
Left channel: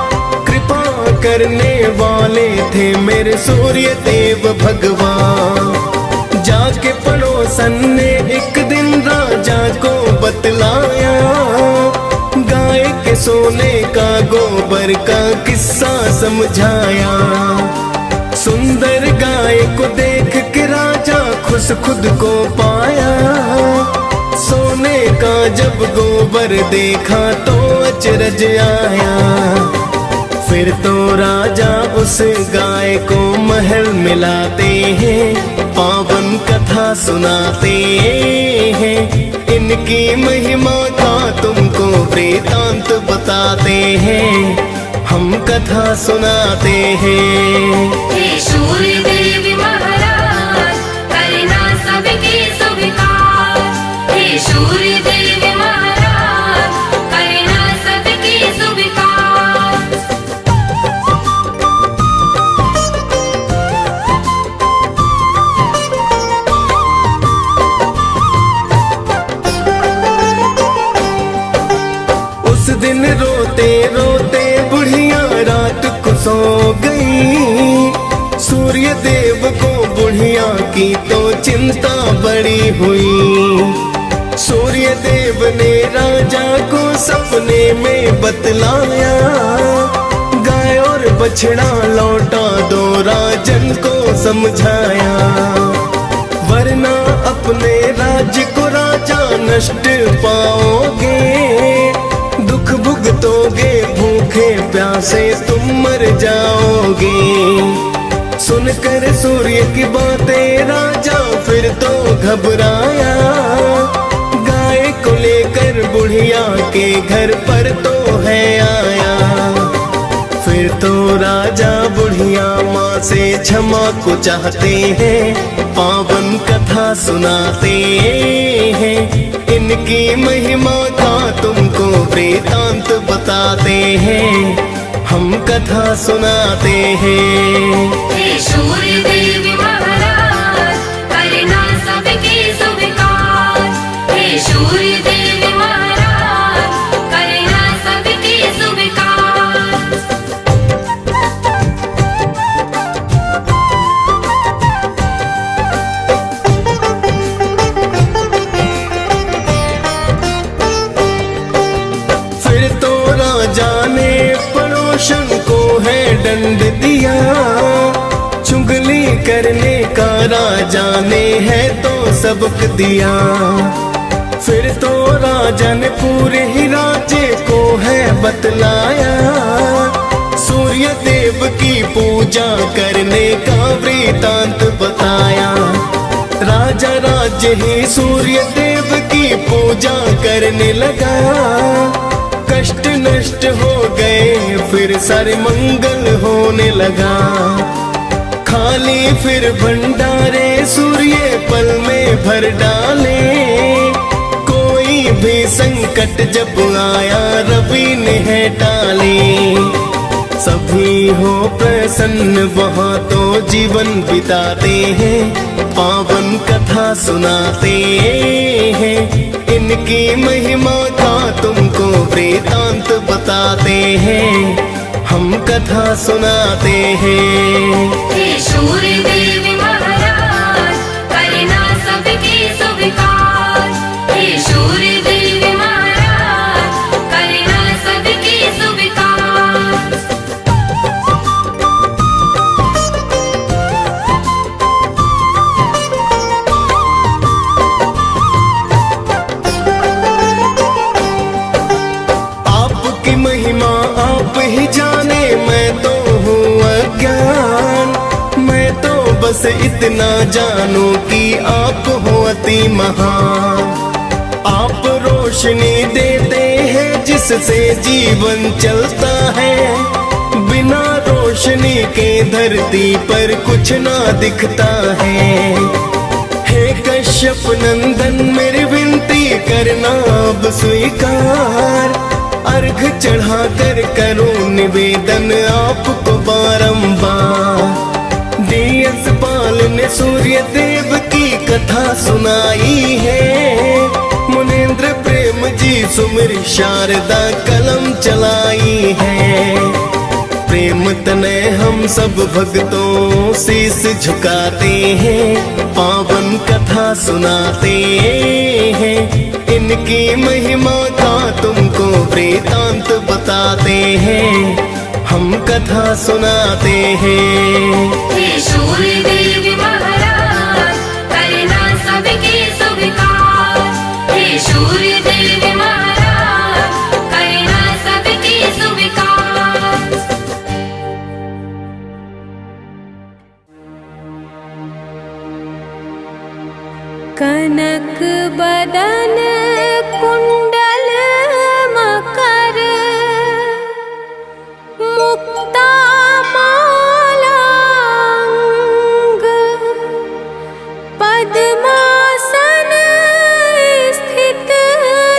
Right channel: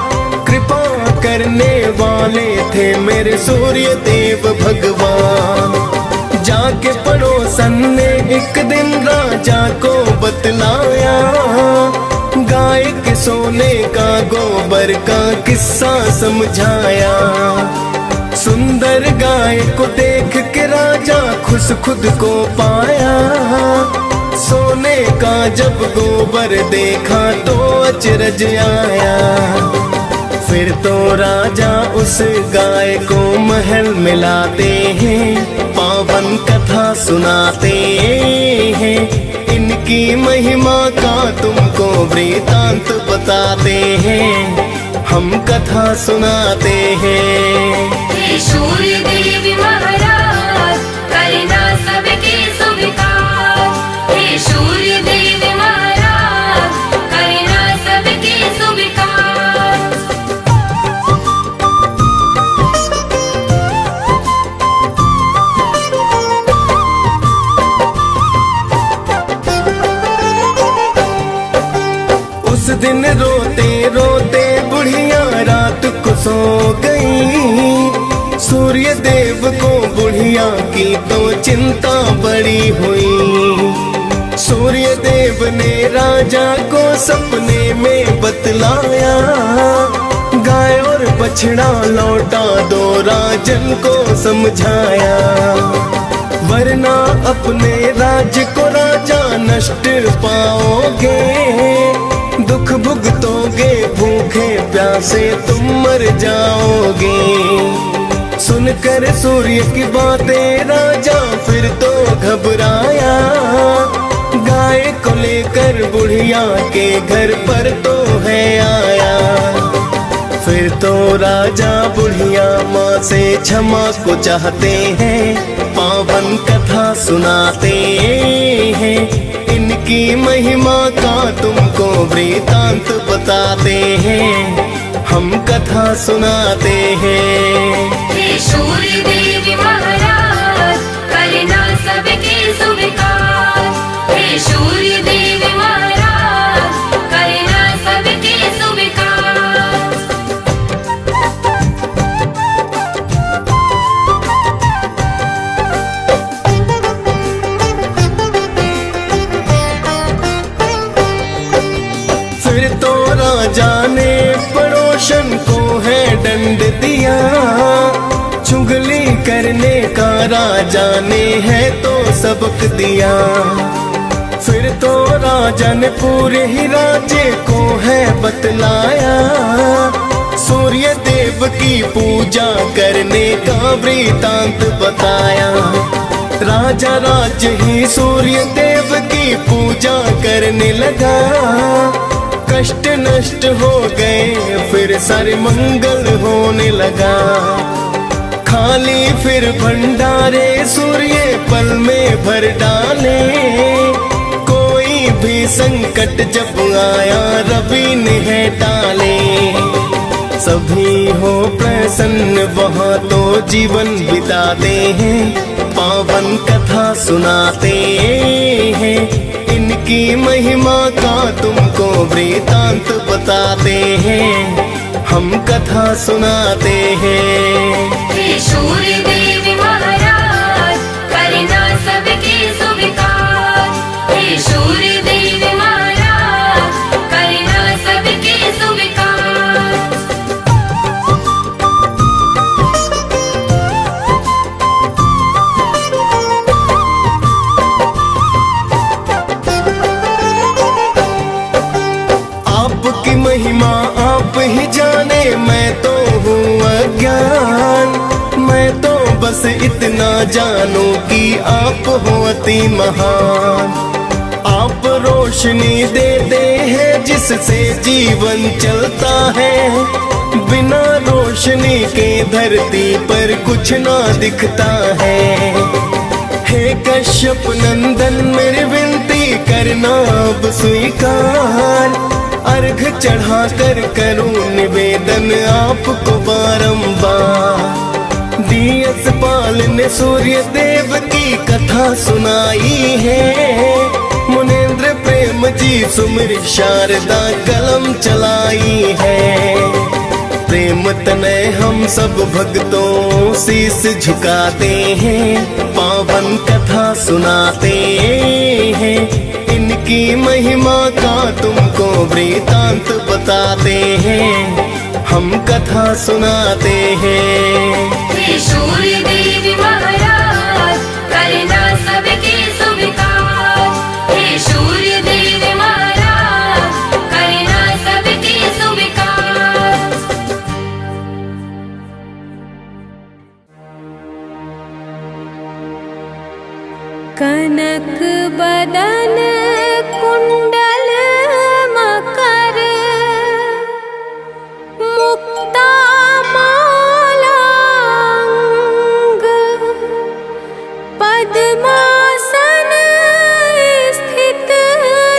कृपा करने वाले थे मेरे सूर्य देव भगवान। जाके पड़ोसन ने एक दिन राजा को बतलाया, गाय के सोने का गोबर का किस्सा समझाया। सुंदर गाय को देख के राजा खुश खुद को पाया। सोने का जब गोबर देखा तो अचरज आया। फिर तो राजा उस गाय को महल मिलाते हैं, पावन कथा सुनाते हैं। इनकी महिमा का तुमको वृतांत बताते हैं, हम कथा सुनाते हैं। हे सूर्य देव महाराज करना सबके स्वीकार। हे सूर्य देव महाराज करना सबके स्वीकार। उस दिन रोते रोते बुढ़िया रात को सो गई। सूर्य देव को बुढ़िया की तो चिंता बड़ी हुई। सूर्य देव ने राजा को सपने में बतलाया, गाय और बछड़ा लौटा दो राजन को समझाया। वरना अपने राज्य को राजा नष्ट पाओगे। दुख भुगतोगे, भूखे प्यासे तुम मर जाओगे। सुनकर सूर्य की बातें राजा फिर तो घबराया। गाय को लेकर बुढ़िया के घर पर तो है आया। फिर तो राजा बुढ़िया माँ से क्षमा को चाहते हैं, पावन कथा सुनाते हैं। इनकी महिमा का तुमको वृतांत बताते हैं, हम कथा सुनाते हैं। हे सूर्य देव महाराज करना सबके स्वीकार। हे सूर्य देव महाराज करना सबके स्वीकार। फिर तो राजा ने रोशन को है दंड दिया, चुगली करने का राजा ने है तो सबक दिया। फिर तो राजा ने पूरे ही राज्य को है बतलाया, सूर्य देव की पूजा करने का वृतांत बताया। राजा राज्य ही सूर्य देव की पूजा करने लगा, कष्ट नष्ट हो गए फिर सारे मंगल होने लगा। खाली फिर भंडारे सूर्य पल में भर डाले, कोई भी संकट जब आया रवि ने है टाले। सभी हो प्रसन्न वहाँ तो जीवन बिताते हैं, पावन कथा सुनाते हैं, इनकी महिमा का तुमको वृतांत बताते हैं, हम कथा सुनाते हैं। हे सूर्य देव महाराज करना सबके स्वीकार, हे सूर्य देव महाराज करना सबके स्वीकार। आपकी महिमा आप ही जाने, मैं तो हूँ अज्ञान। मैं तो बस इतना जानूं कि आप हो अति महान। आप रोशनी देते हैं जिससे जीवन चलता है, बिना रोशनी के धरती पर कुछ ना दिखता है। हे कश्यप नंदन मेरी विनती करना अब स्वीकार, अर्घ चढ़ा कर करूं निवेदन आपको बारंबार। दियस पाल ने सूर्य देव की कथा सुनाई है, मुनेन्द्र प्रेम जी सुमिर शारदा कलम चलाई है। प्रेम तनय हम सब भक्तों शीस झुकाते हैं, पावन कथा सुनाते हैं, इनकी महिमा का तुमको वृतांत बताते हैं, हम कथा सुनाते हैं। हे सूर्य देव महाराज करना सबके स्वीकार, हे सूर्य देव महाराज करना सबके स्वीकार। कनक बदन कुंडल मकर, मुक्ता माला अंग, पद्मासन स्थित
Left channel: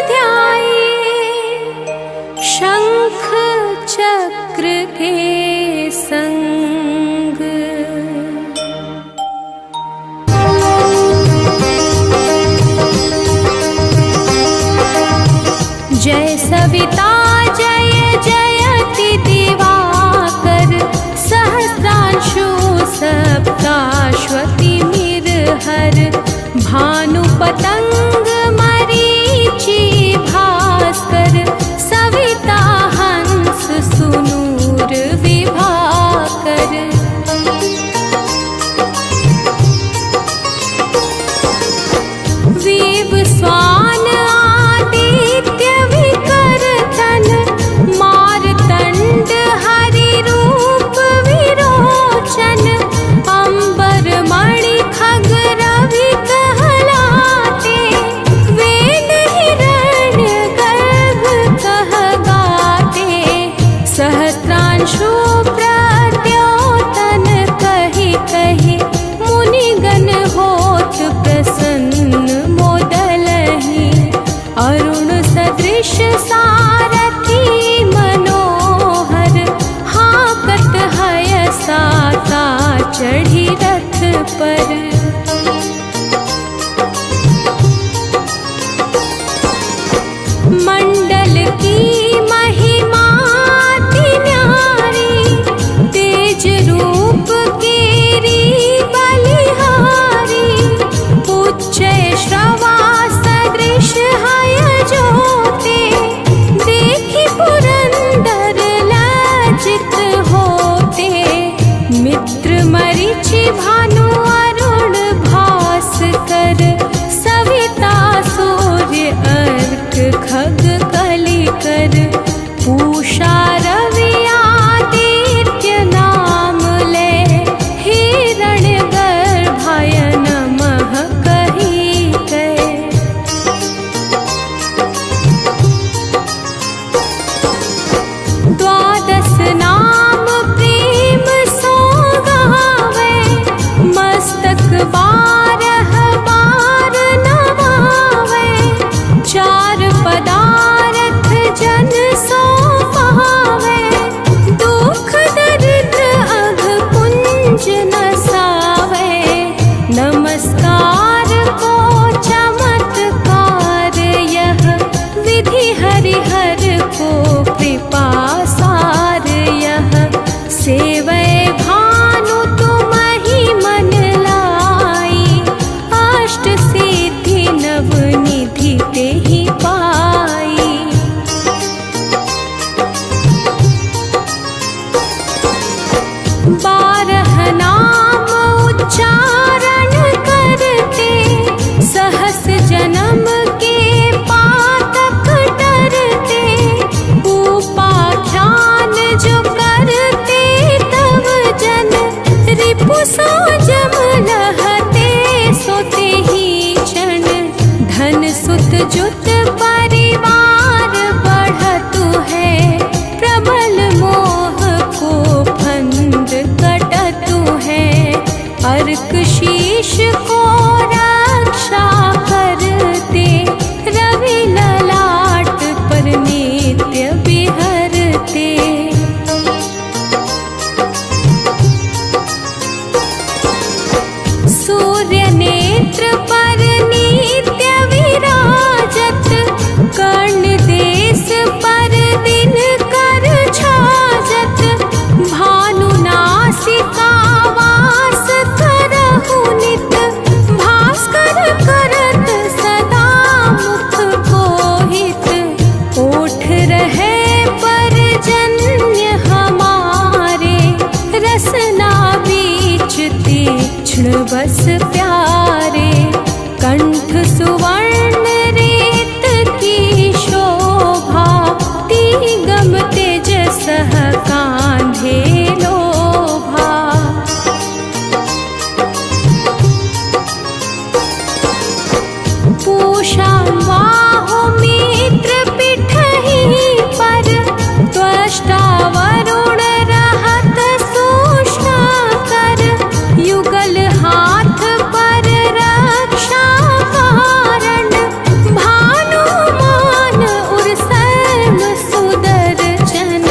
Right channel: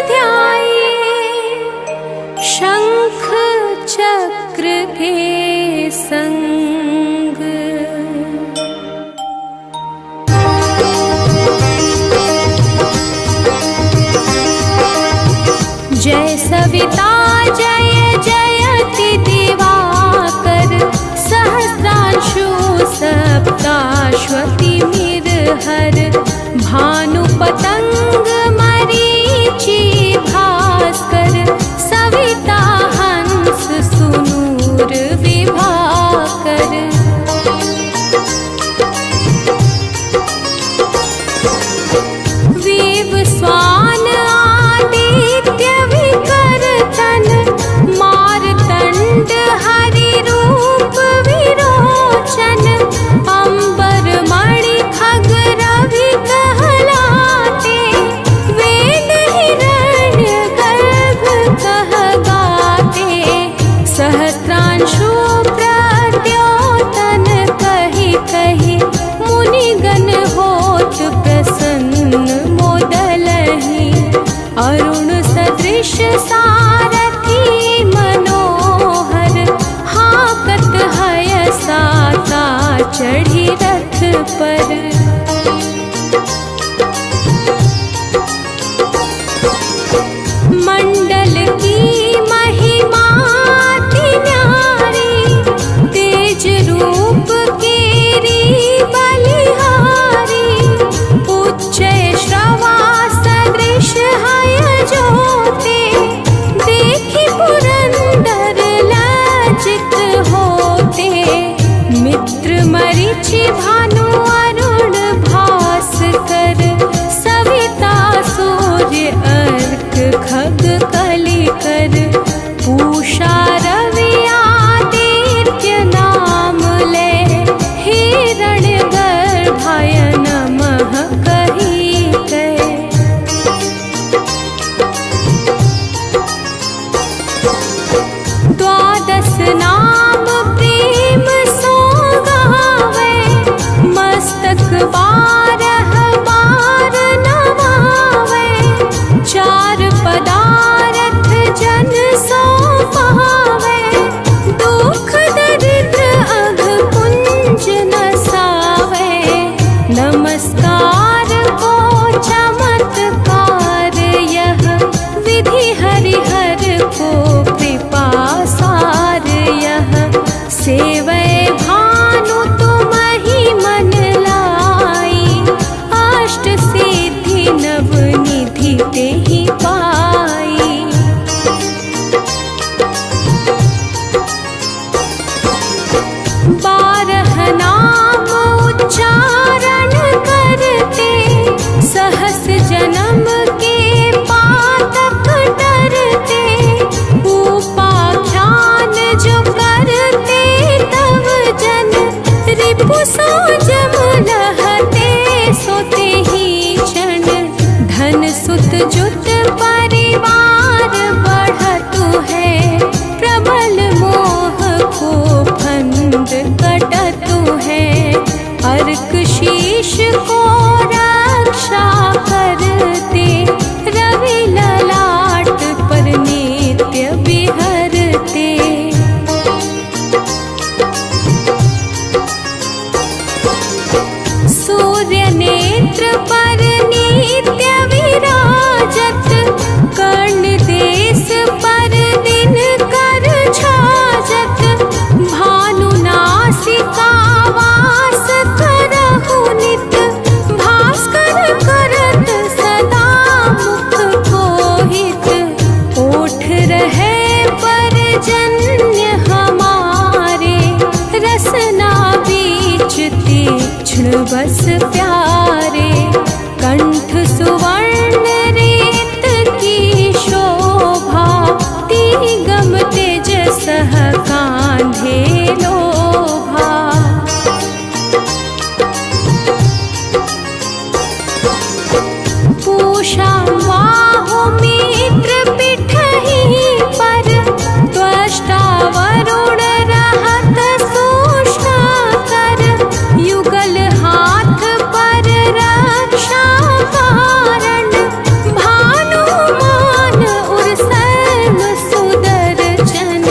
ध्याये, शंख चक्र के संग। जय सविता जय जयति दिवाकर, सहस्रांशु सप्ताश्वति मिरहर, भानु पतंग मरीचि भास्कर, सविता हंस सुनूर विभाकर। विव स्वान आदित्य विकर्तन, मारतंड हरि रूप विरोचन, अंबर मणि खग रवि कहलाते, वेद हिरण्य गर्भ कह गाते, सहस्रांशु प्रद्योतन कहि कहि, मुनिगण होत प्रसन्न मोदलहि, अरुण सदृश सारथी मनोहर, हाकत हय साता चढ़ी रथ पर। मंडल की महिमा अति न्यारी, तेज रूप केरी बलिहारी, उच्च श्रवा सदृश हय ज्योते, देखी पुरंदर लाज खग कलि कर पूषा रवि आदित्य नाम ले हिरण गर्भाय नमः कही कहे। द्वादश नाम प्रेम सो गावे मस्तक बारह बार नवावे। चार पदारथ जन सो पावे दुख दरिद्र अघ पुंज नसावे। नमस्कार को चमत्कार यह विधि हरिहर को कृपा सार यह। सेवै भानु तुम ही मन लाई अष्ट सिद्धि नव निधि तेहि पाई। बारह नाम उच्चारण करते सहस जन्म के पातक डरते। उपाख्यान जो करते तव जन रिपु सो जम लहते सोते ही क्षण। धन सुत जुत परिवार बढ़तु है प्रबल मोह को फंद कटतु है। अर्क शीश को रक्षा करते रवि ललाट पर नित्य बिहरते। सूर्य नेत्र पर नित्य विराजत कर्ण देश पर दिन कर छाजत। भानु नासिका वास करहु नित भास्कर करत सदा मुख को हित। ओठ रहे पर जन्य हमारे रसना बीच तीक्ष्ण बस प्यारे। कंठ सुवर्ण रेत की शोभा तिगम तेज सह कांधे लोभा। पूषा बाहु मित्र पिठहि पर त्वष्टा वरुण रहत सूक्ष्म कर। युगल हाथ पर रक्षा कारण भानुमान उर सर्व सुदर्शन।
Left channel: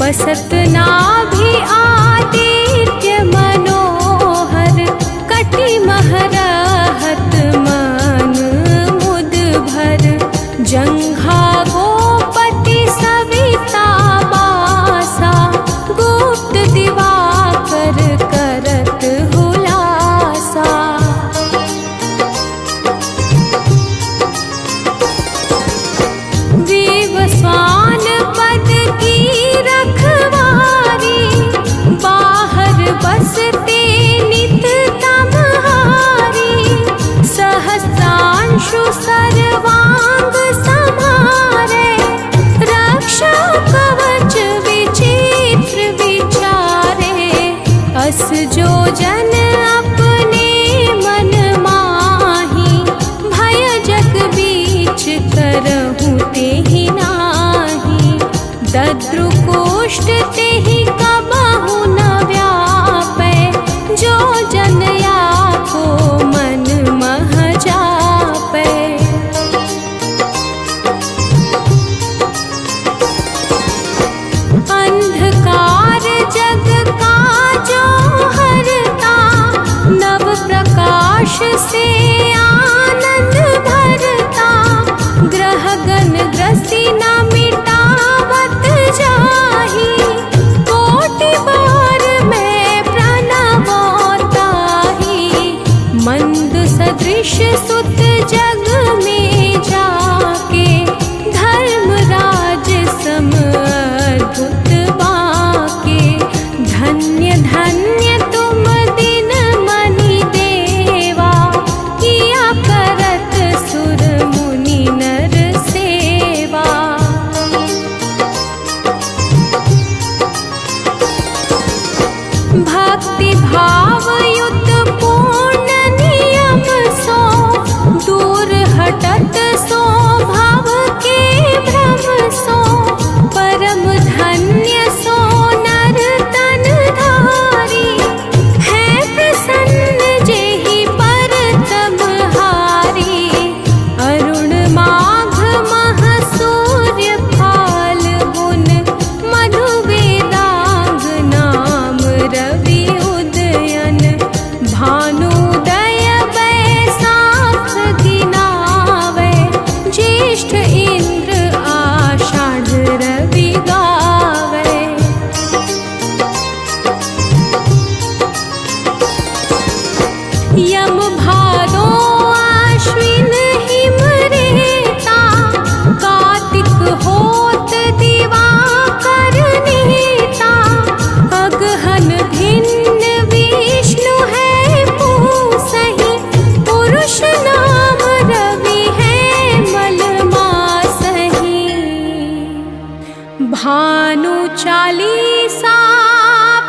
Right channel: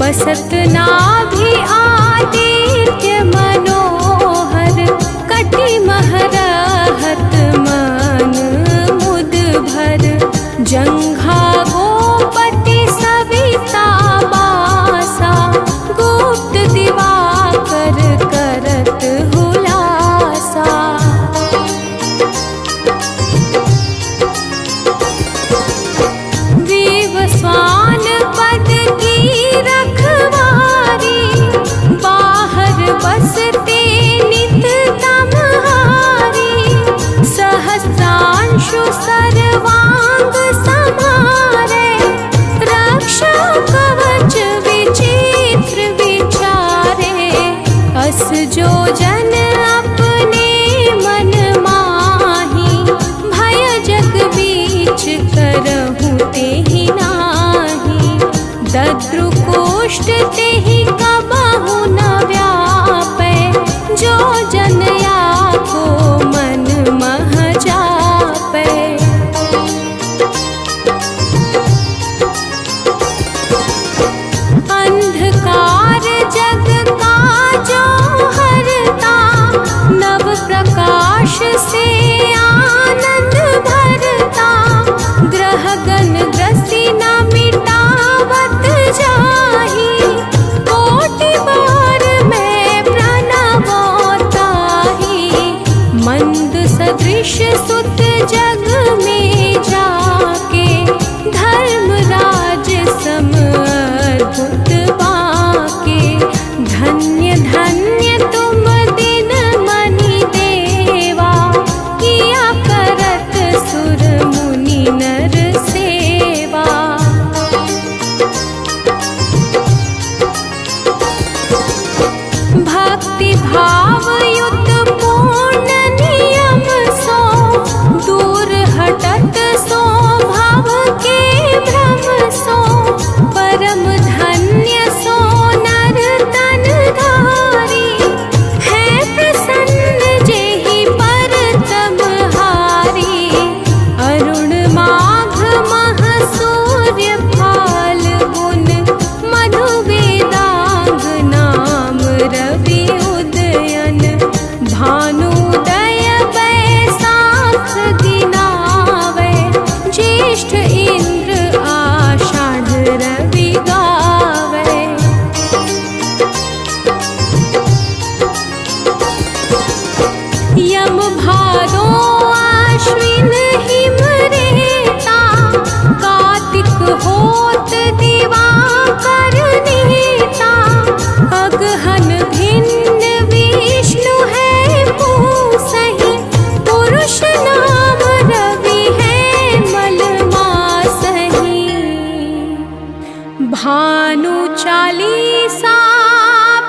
बसत नाभि आदित्य मनोहर कटि महरहत मन मुद भर। जंघा गोपति सविता बासा गुप्त दिवाकर करत हुलासा। विवस्वान पद की रखवारी बाहर बसते नित तमहारी। सहस्रांशु सर्वांग समारे रक्षा कवच विचित्र विचारे। अस जो जन अपने मन माही भय जग बीच करहु तेहि नाही। दद्रुकोष्ठ तेहि कबहु न व्यापै जो जन या को मन मह जापै। अंधकार जग का जो हरता नव प्रकाश से आनंद भरता। ग्रह गण ग्रसी न मिटावत जाही कोटि बार मैं प्रणवताही। मंद सदृश सुत जग में जाके धर्मराज सम अद्भुत बाके। धन्य धन्य तुम दिन मनि देवा किया करत सुर मुनि नर सेवा। भादो आश्विन हिम रेता, कार्तिक होत दिवाकर नीता, अगहन भिन्न विष्णु है पूसहि, पुरुष नाम रवि है मलमासहि। भानु चालीसा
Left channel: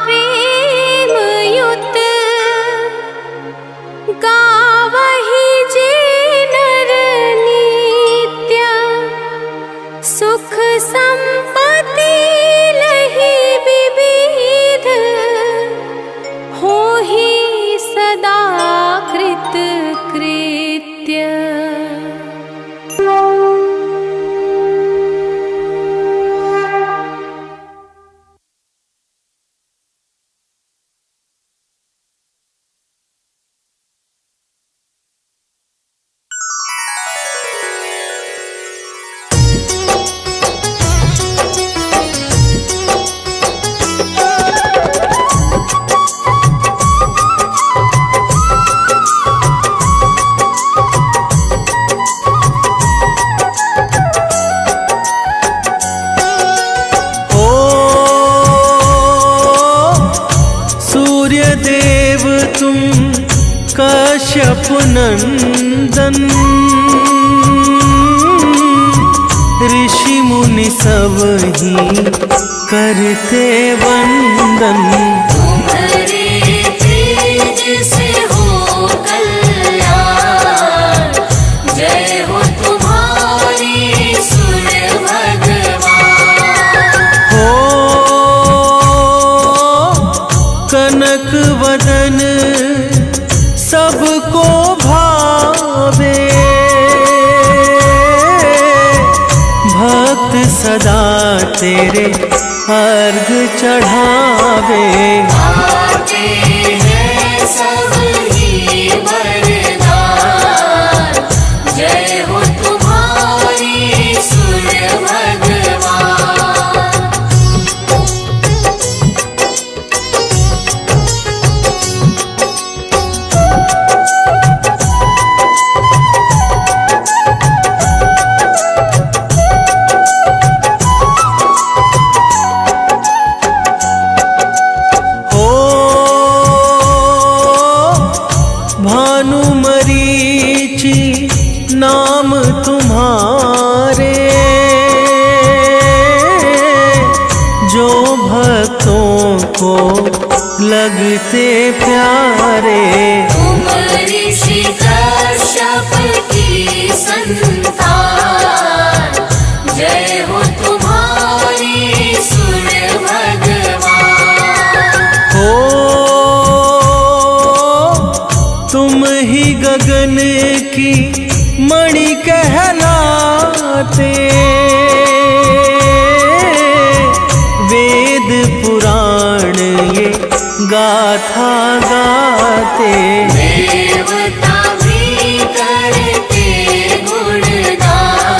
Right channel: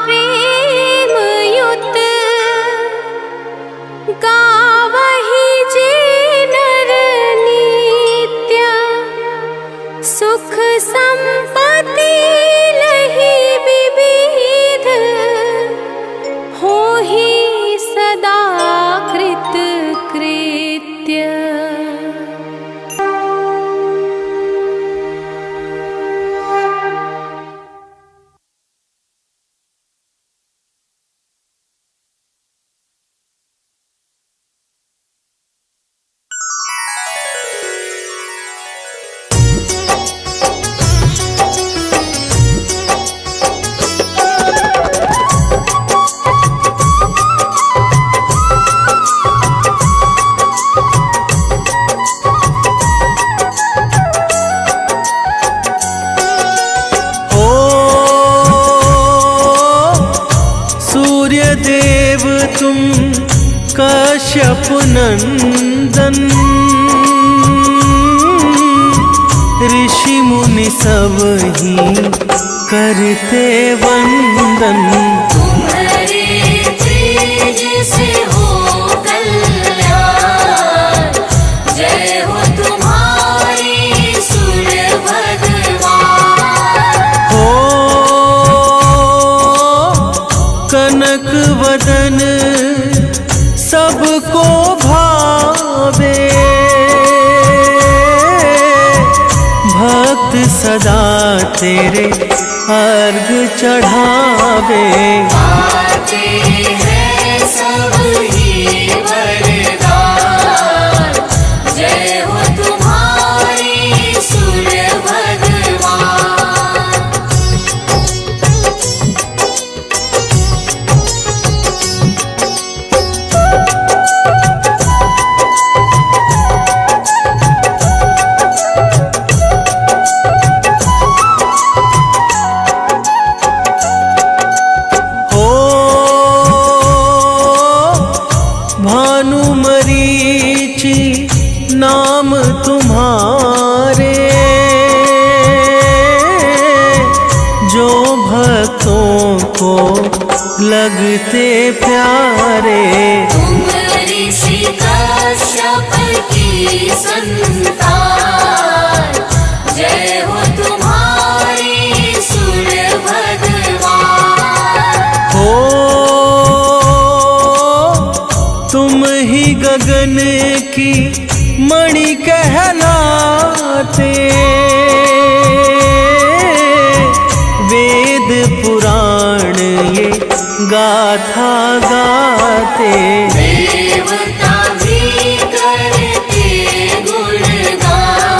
प्रेम युत, गावहि जे नर नित्य, सुख संपत्ति लहि विविध, होहि सदा कृत कृत्य। सूर्यदेव तुम कश्यप नंदन, ऋषि मुनि सब ही करते वंदन। तुम्हारे तेज से हो कल्याण, जय हो तुम्हारी सूर्य भगवान। हो कनक वदन सबको भावे, भक्त सदा तेरे अर्घ चढ़ावे। आते हैं सब ही वरदान, जय हो तुम्हारी सूर्य भगवान। हो भानु मरीचि नाम तुम्हारे, जो भक्तों को लगते प्यारे। तुम ऋषि कश्यप की संतान, जय हो तुम्हारी सूर्य भगवान। हो तुम ही गगन की मणि कहलाते, वेद पुराण ये गाथा गाते। देवता भी करते गुणगान,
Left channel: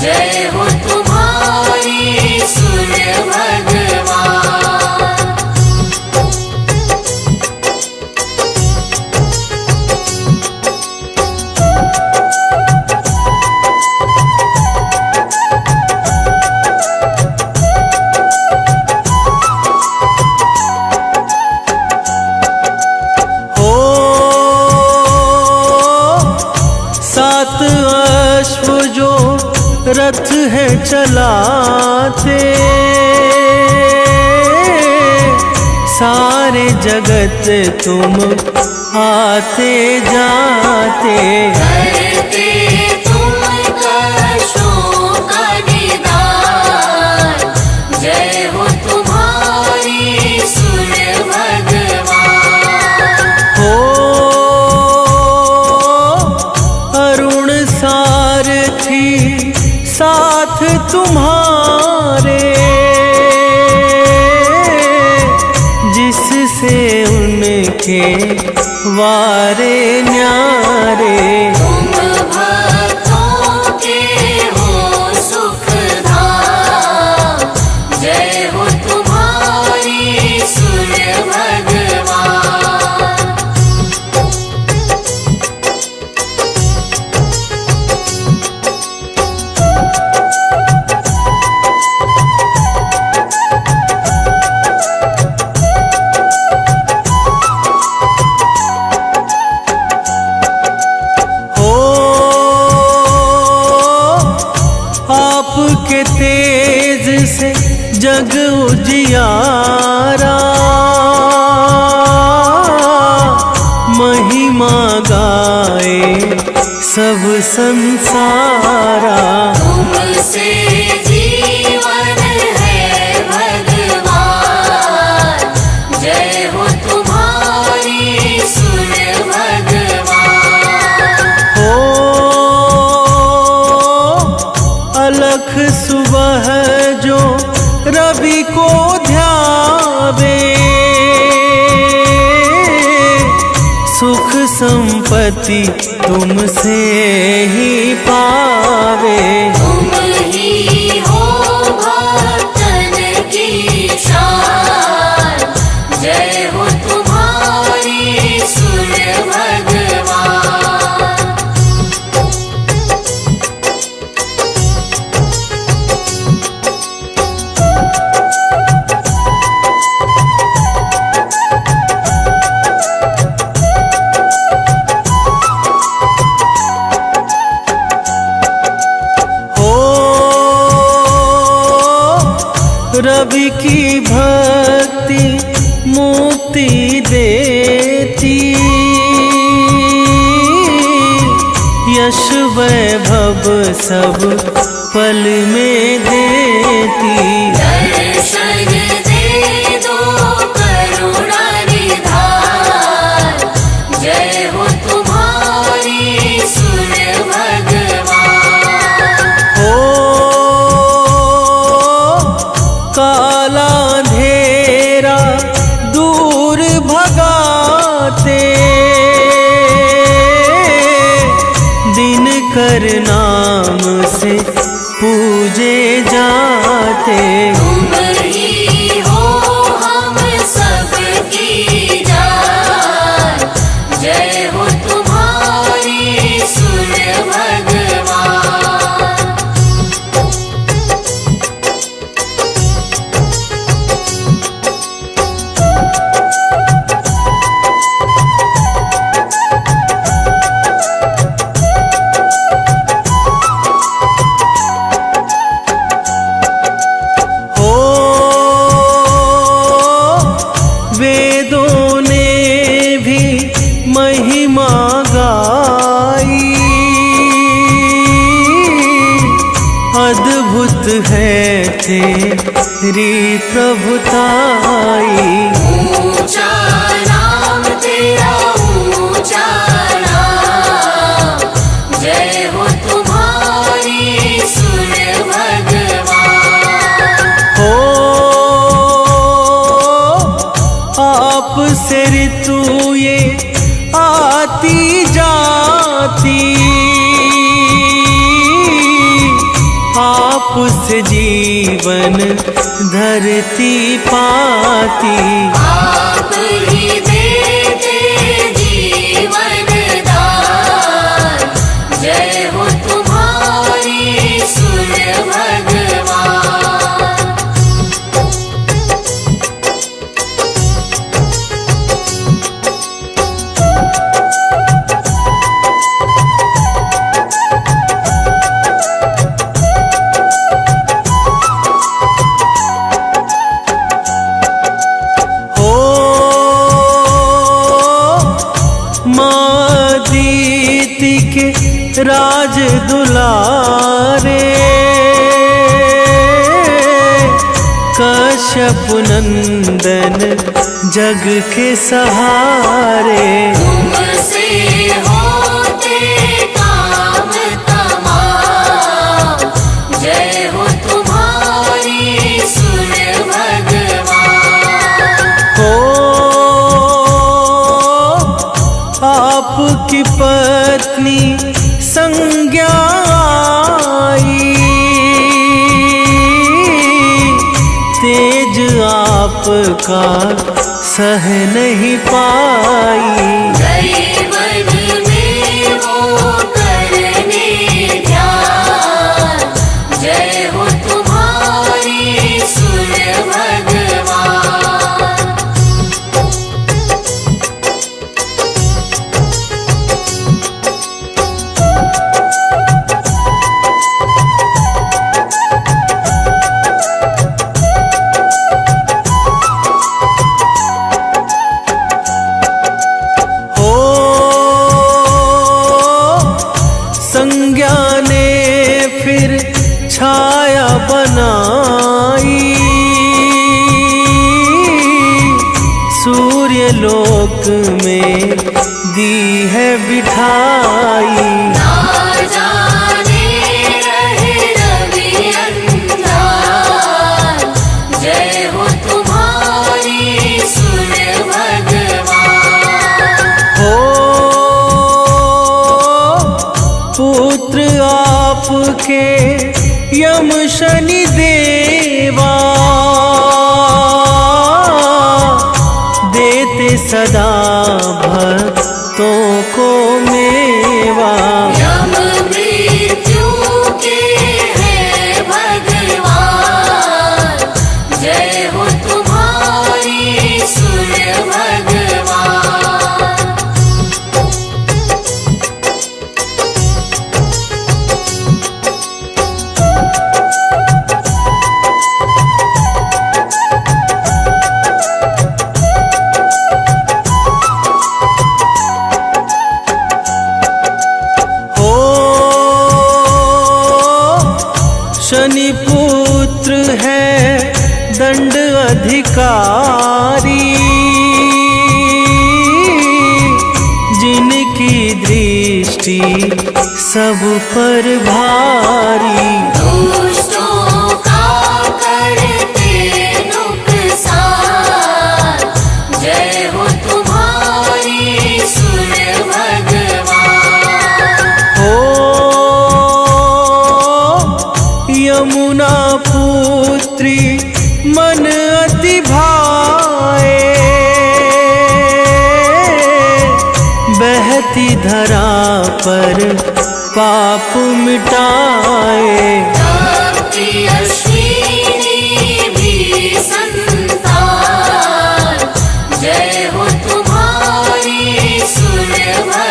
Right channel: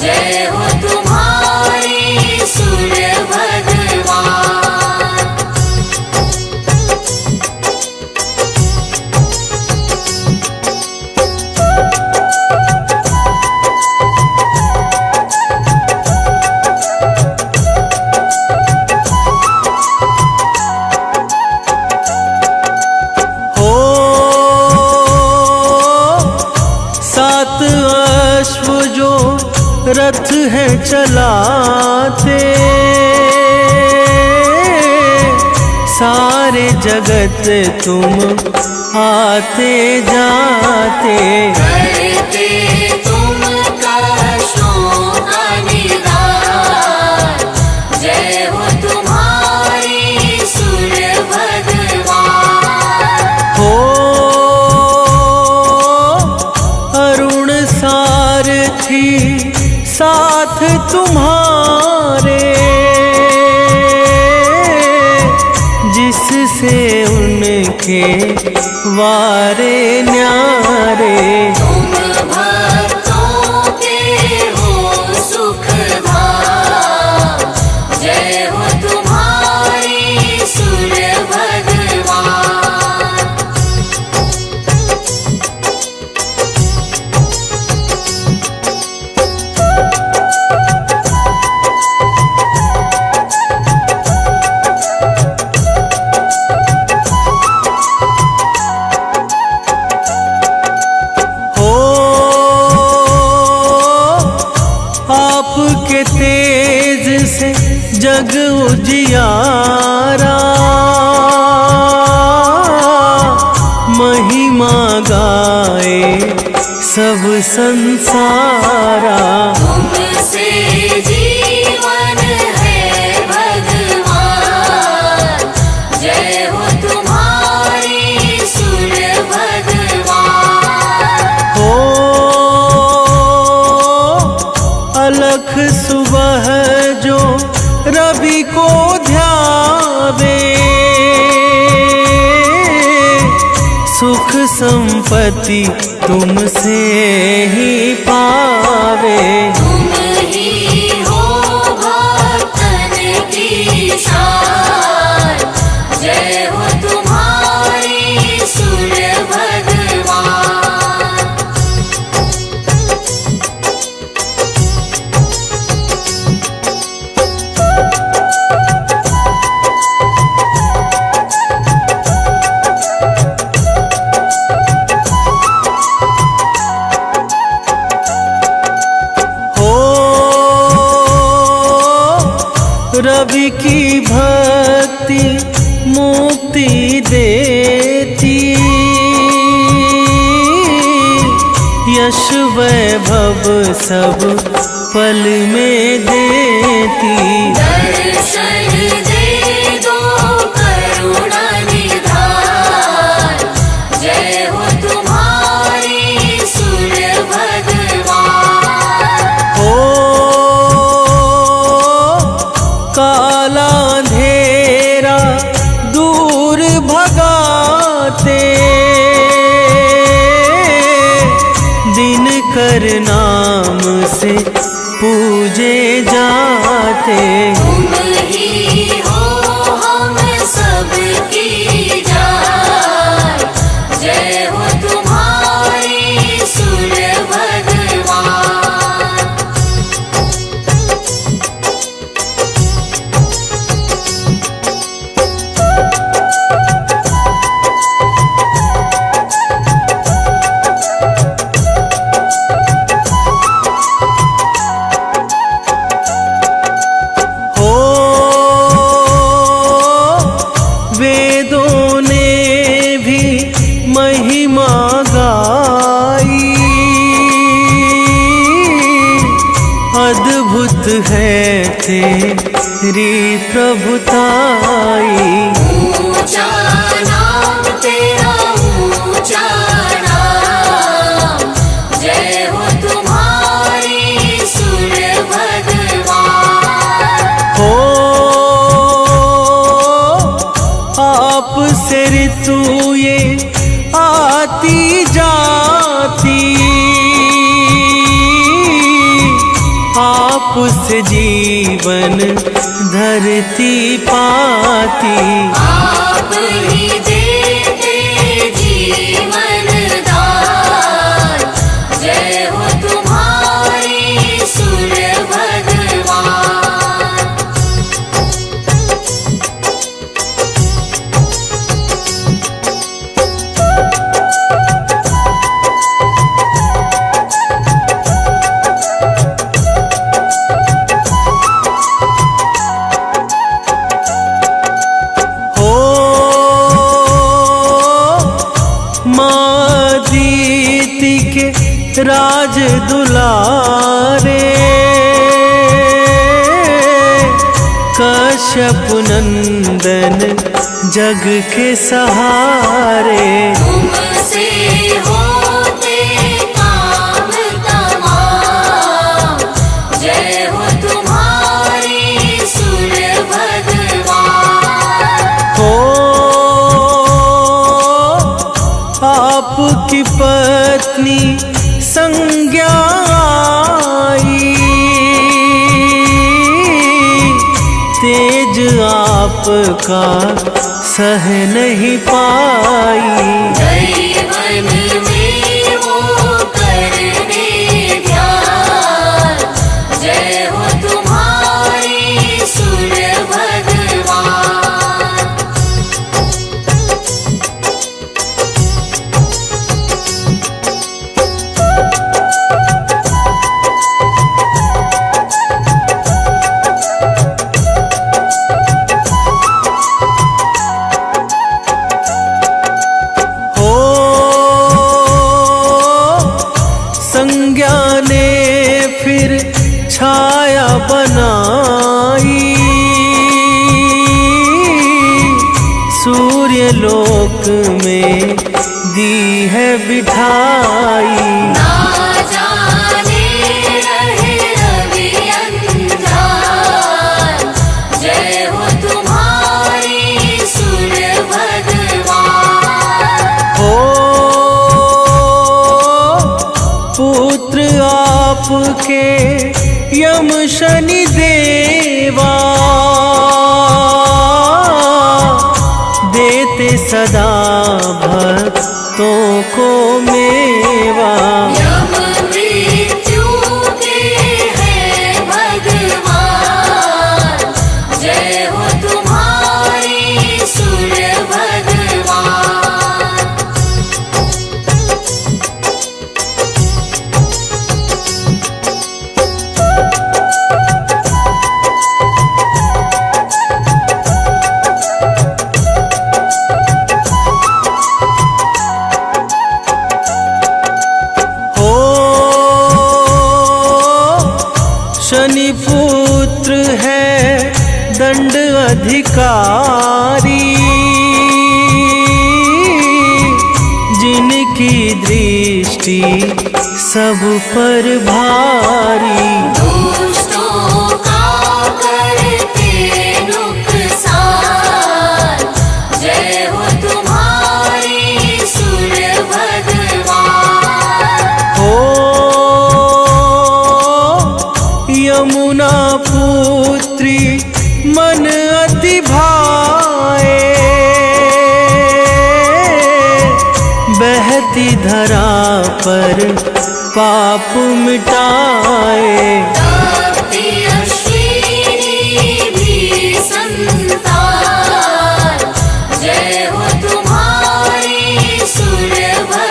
जय हो तुम्हारी सूर्य भगवान। हो सात अश्व जो रथ है चलाते, सारे जगत तुम आते जाते। करते तुम कष्टों का निदान, जय हो तुम्हारी सूर्य भगवान। हो अरुण सारथी साथ तुम्हारे, जिससे उनके वारे न्यारे। तुम भक्तों के हो सुखधाम, जय हो तुम्हारी सूर्य भगवान। आपके तेज से जग उजियारा, महिमा गाए सब संसारा। तुमसे जीवन है भगवान, जय हो तुम्हारी सुर भगवान। हो अलख सुबह जो रवि को ध्यावे, सुख संपत्ति तुमसे ही पावे। तुम ही हो भक्तन की शान, जय हो तुम्हारी सुर भगवान। हो रवि की भक्ति मुक्ति देती, यश वैभव सब पल में देती। दर्शन दे दो करुणा निधान, जय हो तुम्हारी सुर भगवान। हो काला अंधेरा दूर भगाते, दिन कर नाम से पूजे जाते। तुम ही हो हम सबकी जान, जय हो तुम्हारी सुर भगवान। हो वेदों ने भी महिमा गाई, अद्भुत है तेरी प्रभुताई। ऊंचा नाम तेरा ऊंचा नाम, जय हो तुम्हारी सुर भगवान। हो आपसे ऋतु ये आती जाती, आपसे जीवन धरती पाती। आप ही देते जीवन दान, जय हो तुम्हारी सुर भगवान। हो माँ दीति के राज दुलारे, कश्यप नंदन जग के सहारे। तुमसे होते काम तमाम, जय हो तुम्हारी सुर भगवान। हो आपकी पत्नी संज्ञा आई, तेज आपका सह नहीं पाई। दैवन में वो करने ध्यान, जय हो तुम्हारी सुर भगवान। में दी है बिठाई। ना जाने रहे रवि अंधार, जय हो तुम्हारी सूर्य भगवान। हो पुत्र आपके यम शनि देवा, देते सदा भक्तों को मेवा। यम मृत्यु के हैं भगवान, जय हो तुम्हारी सूर्य भगवान। हो शनि पुत्र है दंड अधिकारी, जिनकी दृष्टि सब पर भारी। दुष्टों का करते नुकसान, जय हो तुम्हारी सूर्य भगवान। हो यमुना पुत्री मन अति भाए, बहती धरा पर पाप मिटाए। भक्ति अश्विनी भी संतान, जय हो तुम्हारी सूर्य भगवान।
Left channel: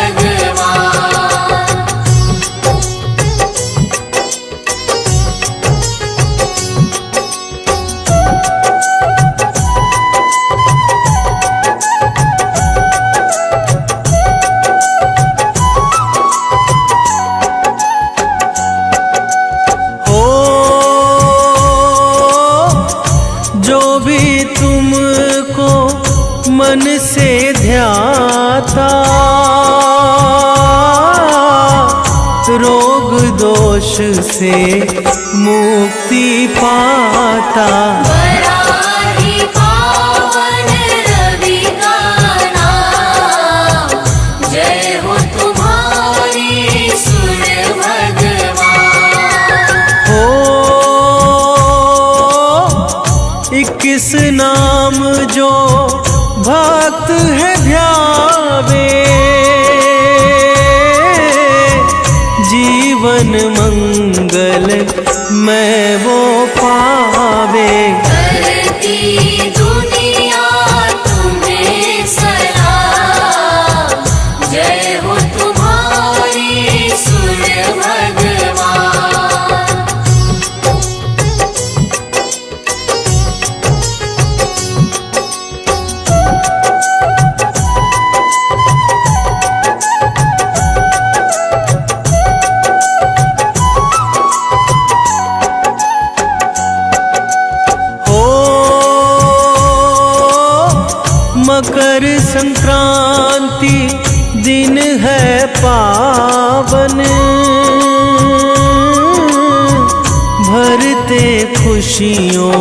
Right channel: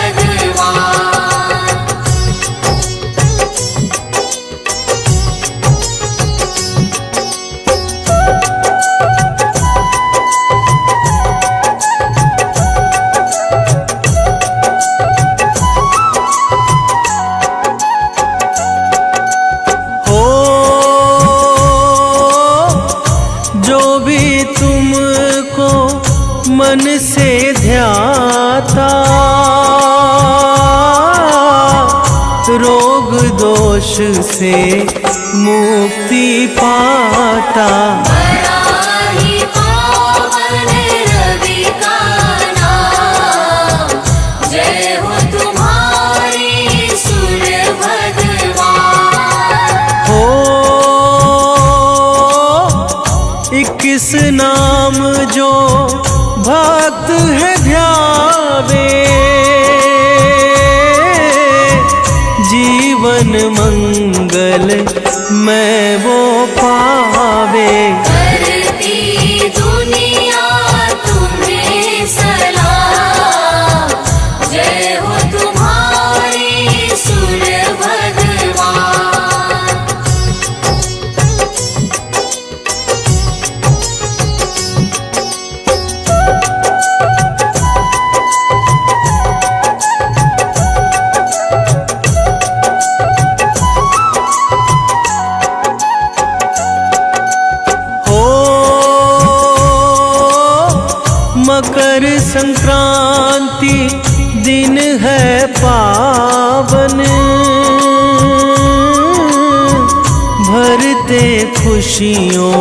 हो जो भी तुमको मन से ध्याता, रोग दोष से मुक्ति पाता। बड़ा ही पावन रवि का नाम, जय हो तुम्हारी सूर्य भगवान। हो 21 नाम जो भक्त है ध्यावे, जीवन मंगल मैं वो पावे। करती दुनिया तुम्हें सलाम, जय हो तुम्हारी सूर्य भगवान। हो मकर संक्रांति दिन है पावन, भरते खुशियों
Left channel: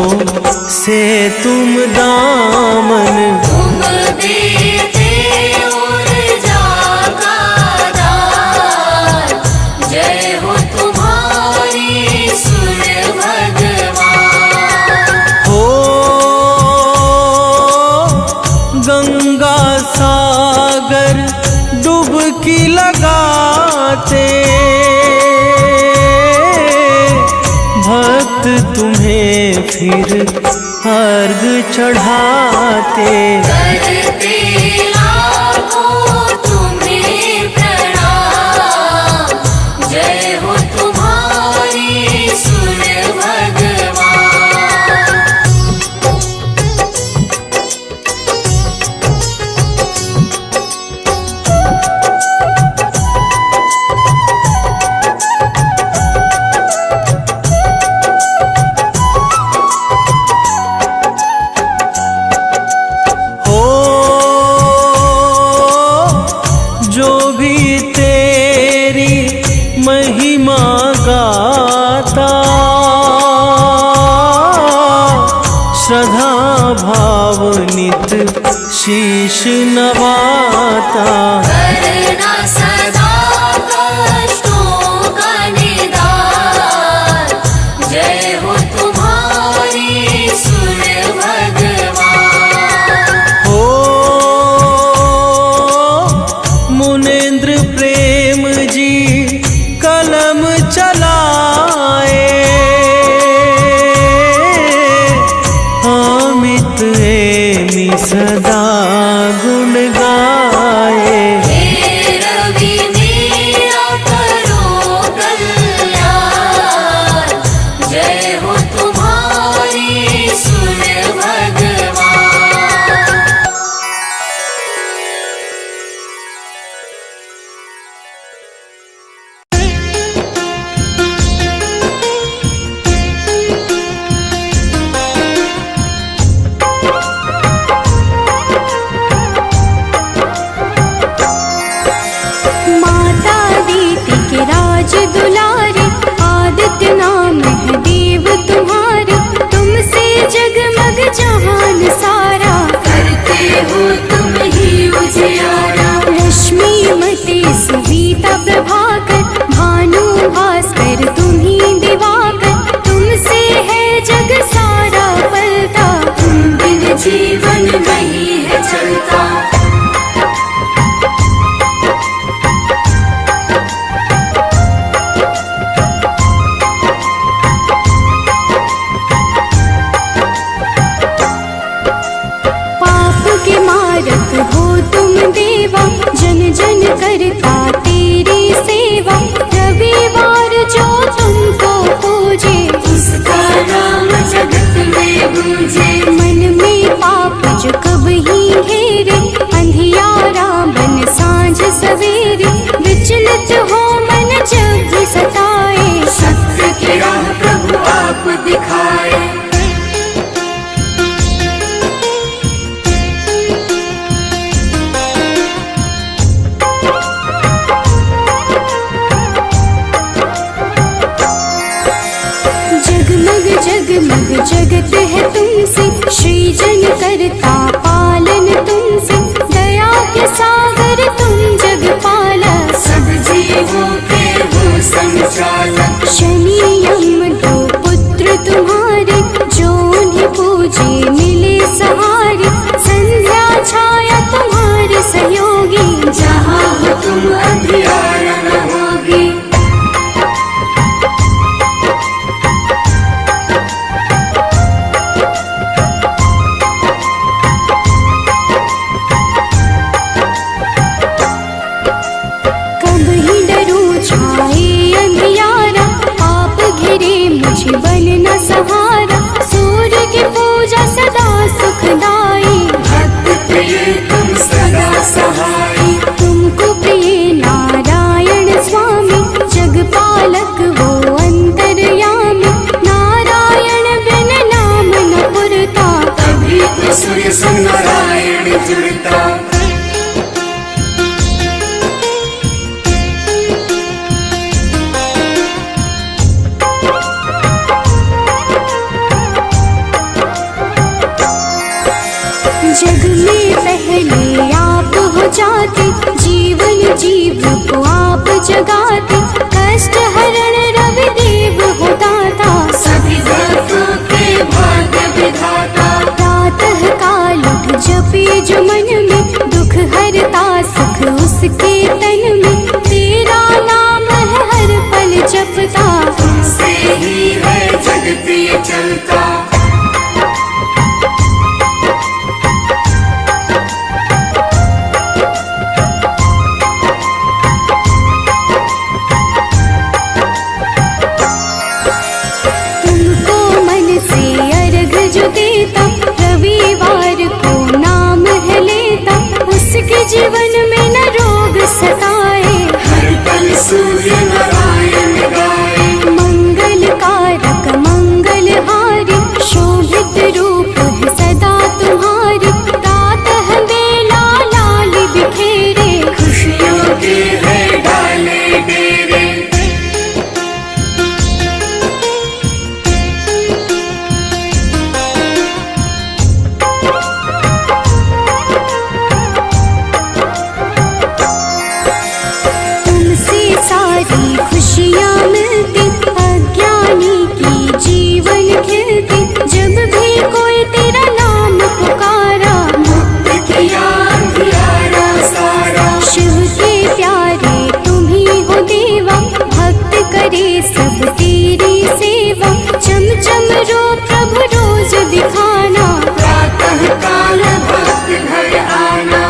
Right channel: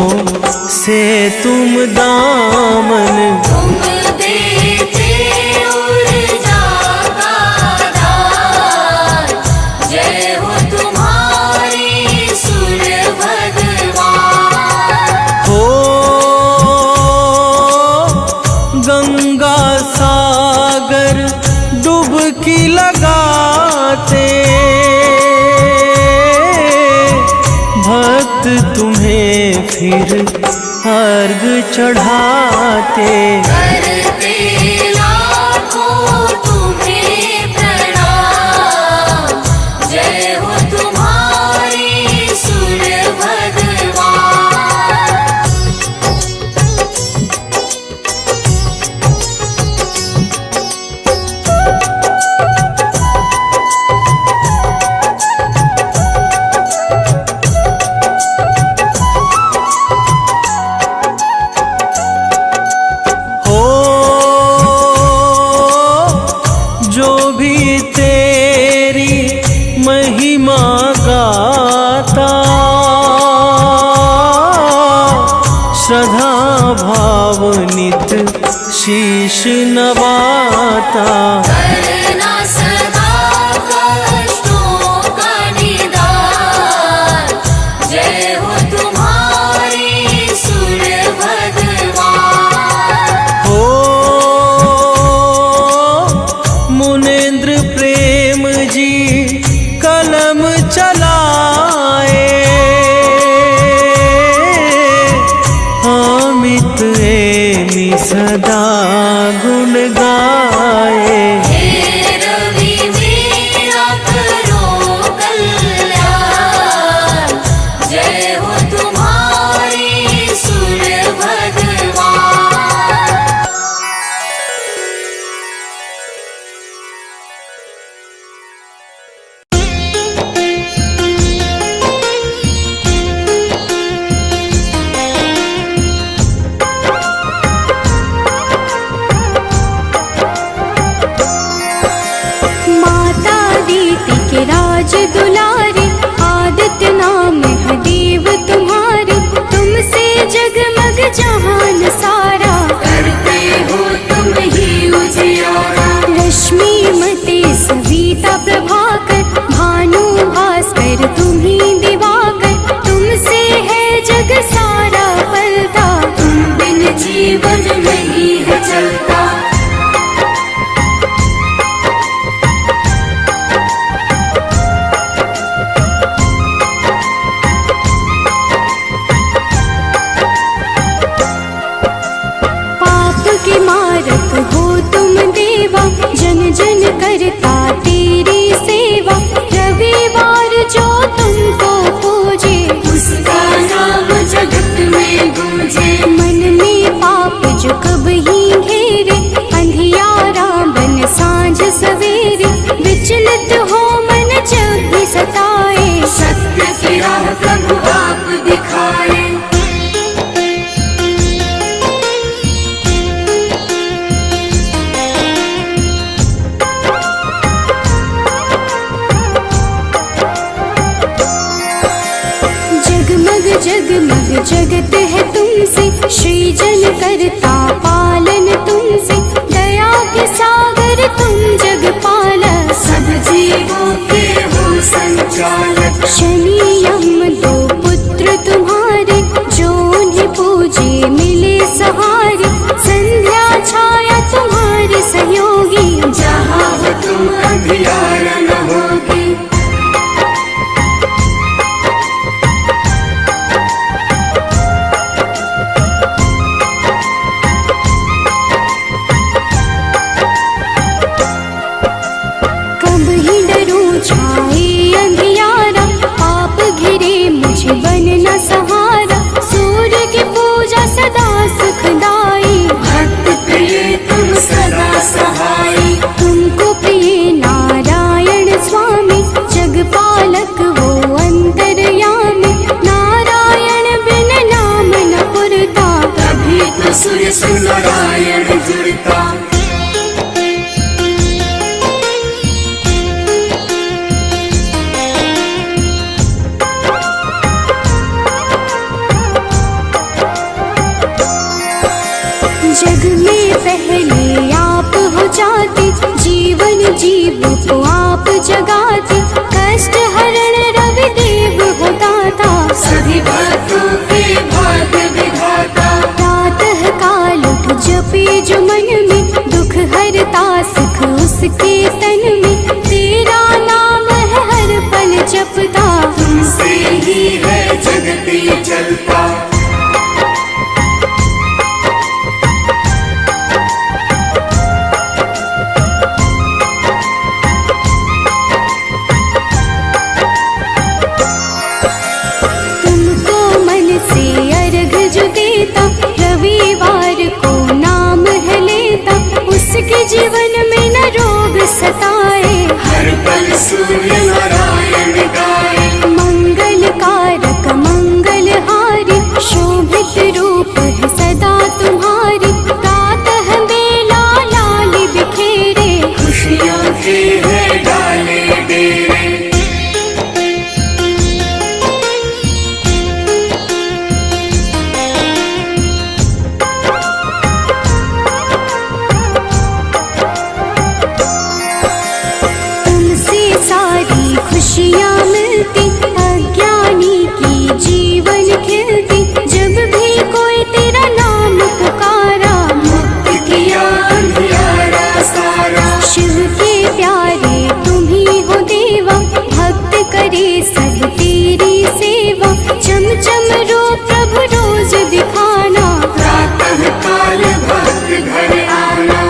से तुम दामन। तुम देते ऊर्जा का दान, जय हो तुम्हारी सूर्य भगवान। हो गंगा सागर डुबकी लगाते, भक्त तुम्हें फिर अर्घ चढ़ाते। करते लाखों तुम्हें प्रणाम, जय हो तुम्हारी सूर्य भगवान। हो गाता, श्रद्धा भाव नित शीश नवाता। करना सदा कष्टों का निदान, जय हो तुम्हारी सूर्य भगवान। हो मुनेन्द्र प्रेम जी कलम चलाए, अमित एमि सदा गुण गाए। हे रवि मेरा करो कल्याण, जय हो तुम्हारी सूर्य भगवान। माता दीति के राज दुलारे, आदित्य नाम है देव तुम्हारे। तुमसे जगमग जहान सारा, करते हो तुम ही उजियारा। रश्मि मते सविता प्रभाकर, भानु भास्कर तुम्ही दिवाकर। तुमसे है जग सारा पलता, तुम बिन जीवन नहीं है चलता। पाप के मारक हो तुम देवा, जन जन करता तेरी सेवा। रविवार जो तुमको पूजे, उसका नाम जगत में गूंजे। मन में पाप जो कब ही घेरे, अंधियारा बन सांझ सवेरे। विचलित हो मन जब भी सताए, सत्य की राह प्रभु आप दिखाए। जगमग जगमग जगत है तुमसे, सृजन करता पालन तुमसे। दया के सागर तुम जगपालक, सब जीवों के हो संचालक। शनि यम दो पुत्र तुम्हारे, जो उन्हें पूजे मिले सहारे। संध्या छाया तुम्हारे सहयोगी, जहाँ हो तुम अंधियारा न होगी। कब ही डरूं छाए अंधियारा, पाप घिरे मुझे बन न सहारा। सूर्य की पूजा सदा सुखदाई, भक्त प्रिय तुम सदा सहाय। तुमको प्रिय नारायण स्वामी। जगपालक वो अंतर्यामी, नारायण बिन नाम न पुरता। तभी तो सूर्य से नारायण जुड़ता। जग में पहले आप हो जाते, जीवन जीव को आप जगाते। कष्ट हरण रवि देव हो दाता, सभी भक्तों के भाग्य विधाता। प्रातः काल उठ जपे जो मन में, दुख हरता सुख उसके तन में। तेरा नाम है हर पल जपता, तुमसे ही है जगती चलता। तुमको मन से अर्घ जो देता, रविवार को नाम है लेता। उसके जीवन में न रोग सता, करे सब तेरी सेवा, चम चम रो प्रभु रोज दिखाना। प्रातः काल भक्त घर आना,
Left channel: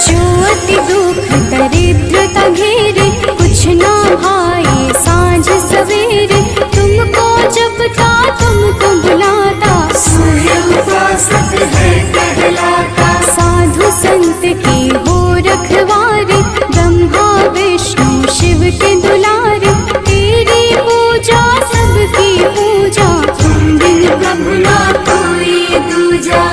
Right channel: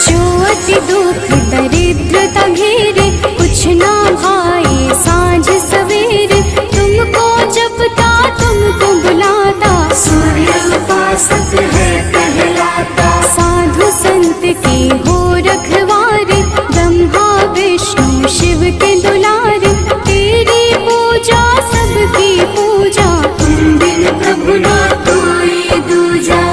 जो अति दुख दरिद्रता घेरे, कुछ ना भाए साँझ सवेरे, तुमको जपता तुमको बुलाता, सूर्य उपासक है कहलाता। साधु संत के हो रखवारे, ब्रह्मा विष्णु शिव के दुलारे, तेरी पूजा सबकी पूजा, तुम बिन प्रभु ना कोई दूजा।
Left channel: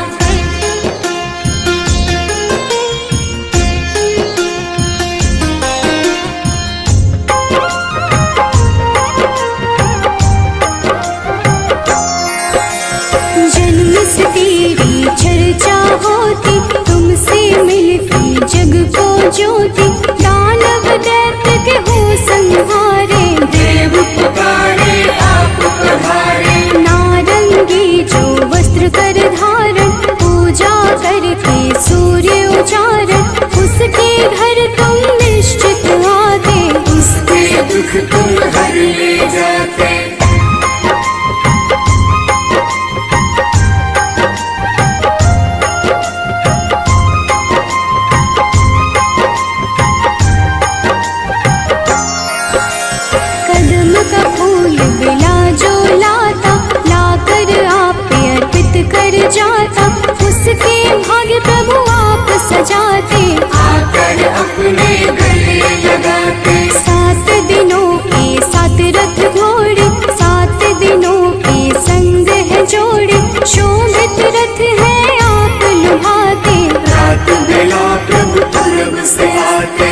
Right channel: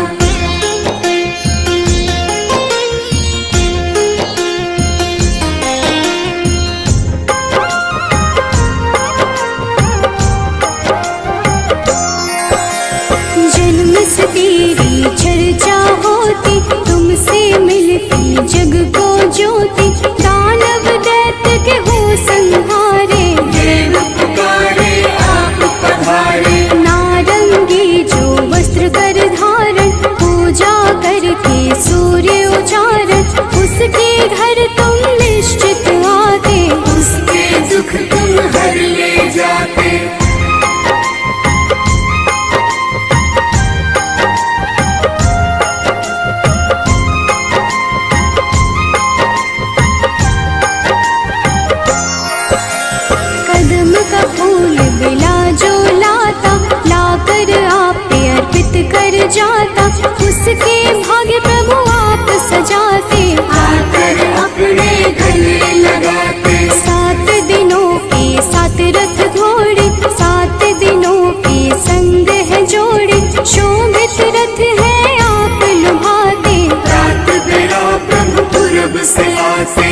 जन्म से तेरी चर्चा होती, तुमसे मिलती जग को ज्योति, दानव दैत्य के हो संहारे, देव पुकारे आप पधारे, नारंगी जो वस्त्र कर धारण, पूजा करके सूर्य उचारण, उसके घर तुम निश्चित आते, उसके दुख तुम हर ले जाते। कदम का फूल बिला जो लाता, लाकर आप पे अर्पित कर जाता, उसके भाग्य प्रभु आप सजाते, आकर अपने गले लगाते। 7 दिनों के 7 रथ घोड़े, 7 दिनों के संग है जोड़े, शोभित रथ है आप लुभाते, रात बेला प्रभु पूर्व से आते।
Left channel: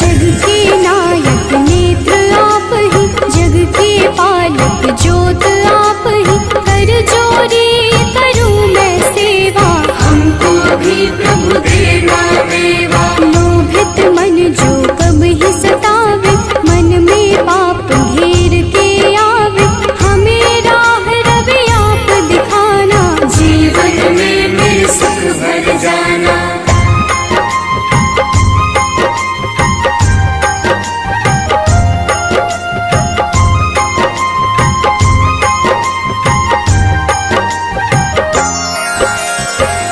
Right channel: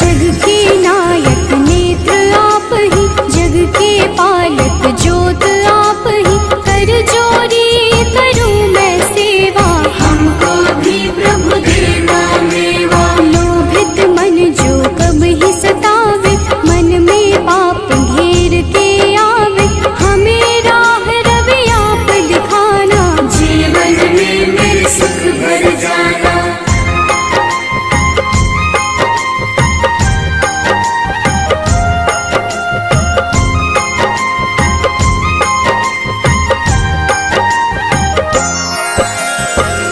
जग के नायक नेत्र आप ही, जग के पालक ज्योत आप ही, कर जोरी करूं मैं सेवा, हमको भी प्रभु देगा मेवा। लोभित मन जो कब ही सतावे, मन में पाप घेर के आवे, हमें राह रवि आप दिखाना, जीवन में मेरे सुख भर जाना।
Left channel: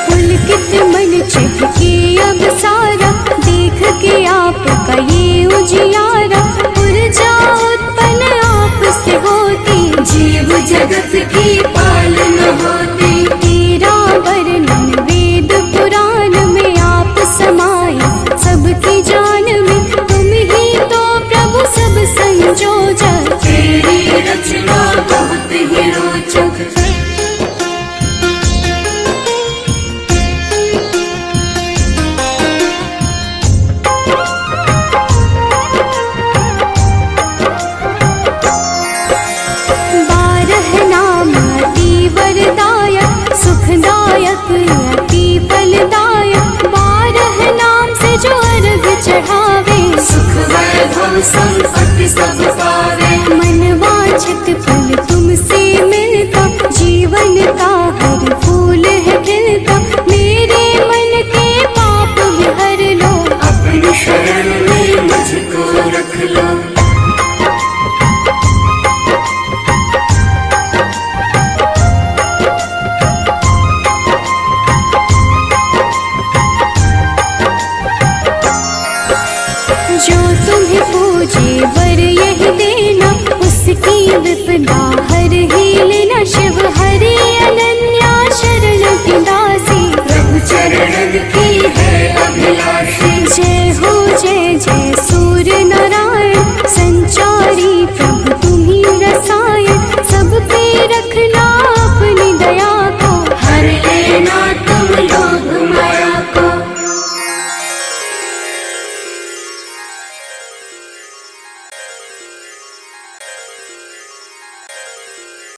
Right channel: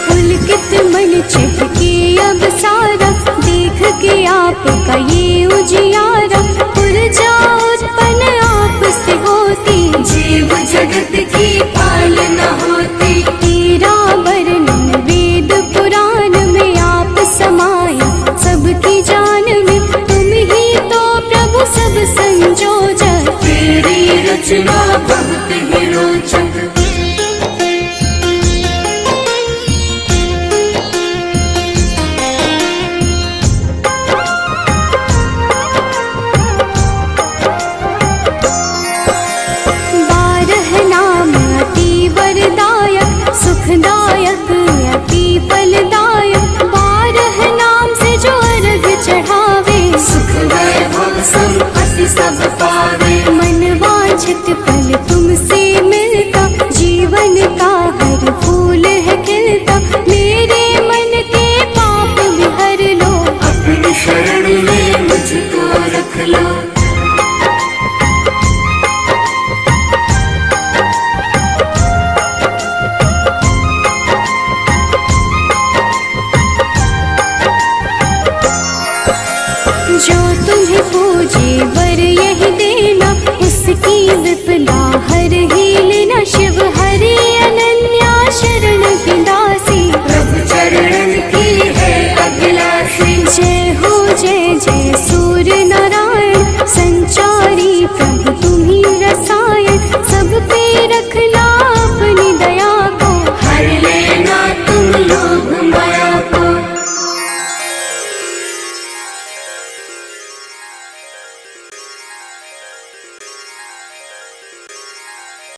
पुलकित मन चहके अब सारा, देख के आपका ये उजियारा, ऊर्जा उत्पन्न आप से होती, जीव जगत की पालना होती। तेरा वर्णन वेद पुराण में आप समाये, सबकी जान में तुम ही तो प्रभु सब संजोजक, तेरी रचना बहुत ही रोचक। वरदायक सुखदायक अति फलदायक, 12 नाम से जो अर्घ चढ़ावे, सुख वैभव संपत्ति सब पावे। मन वांछित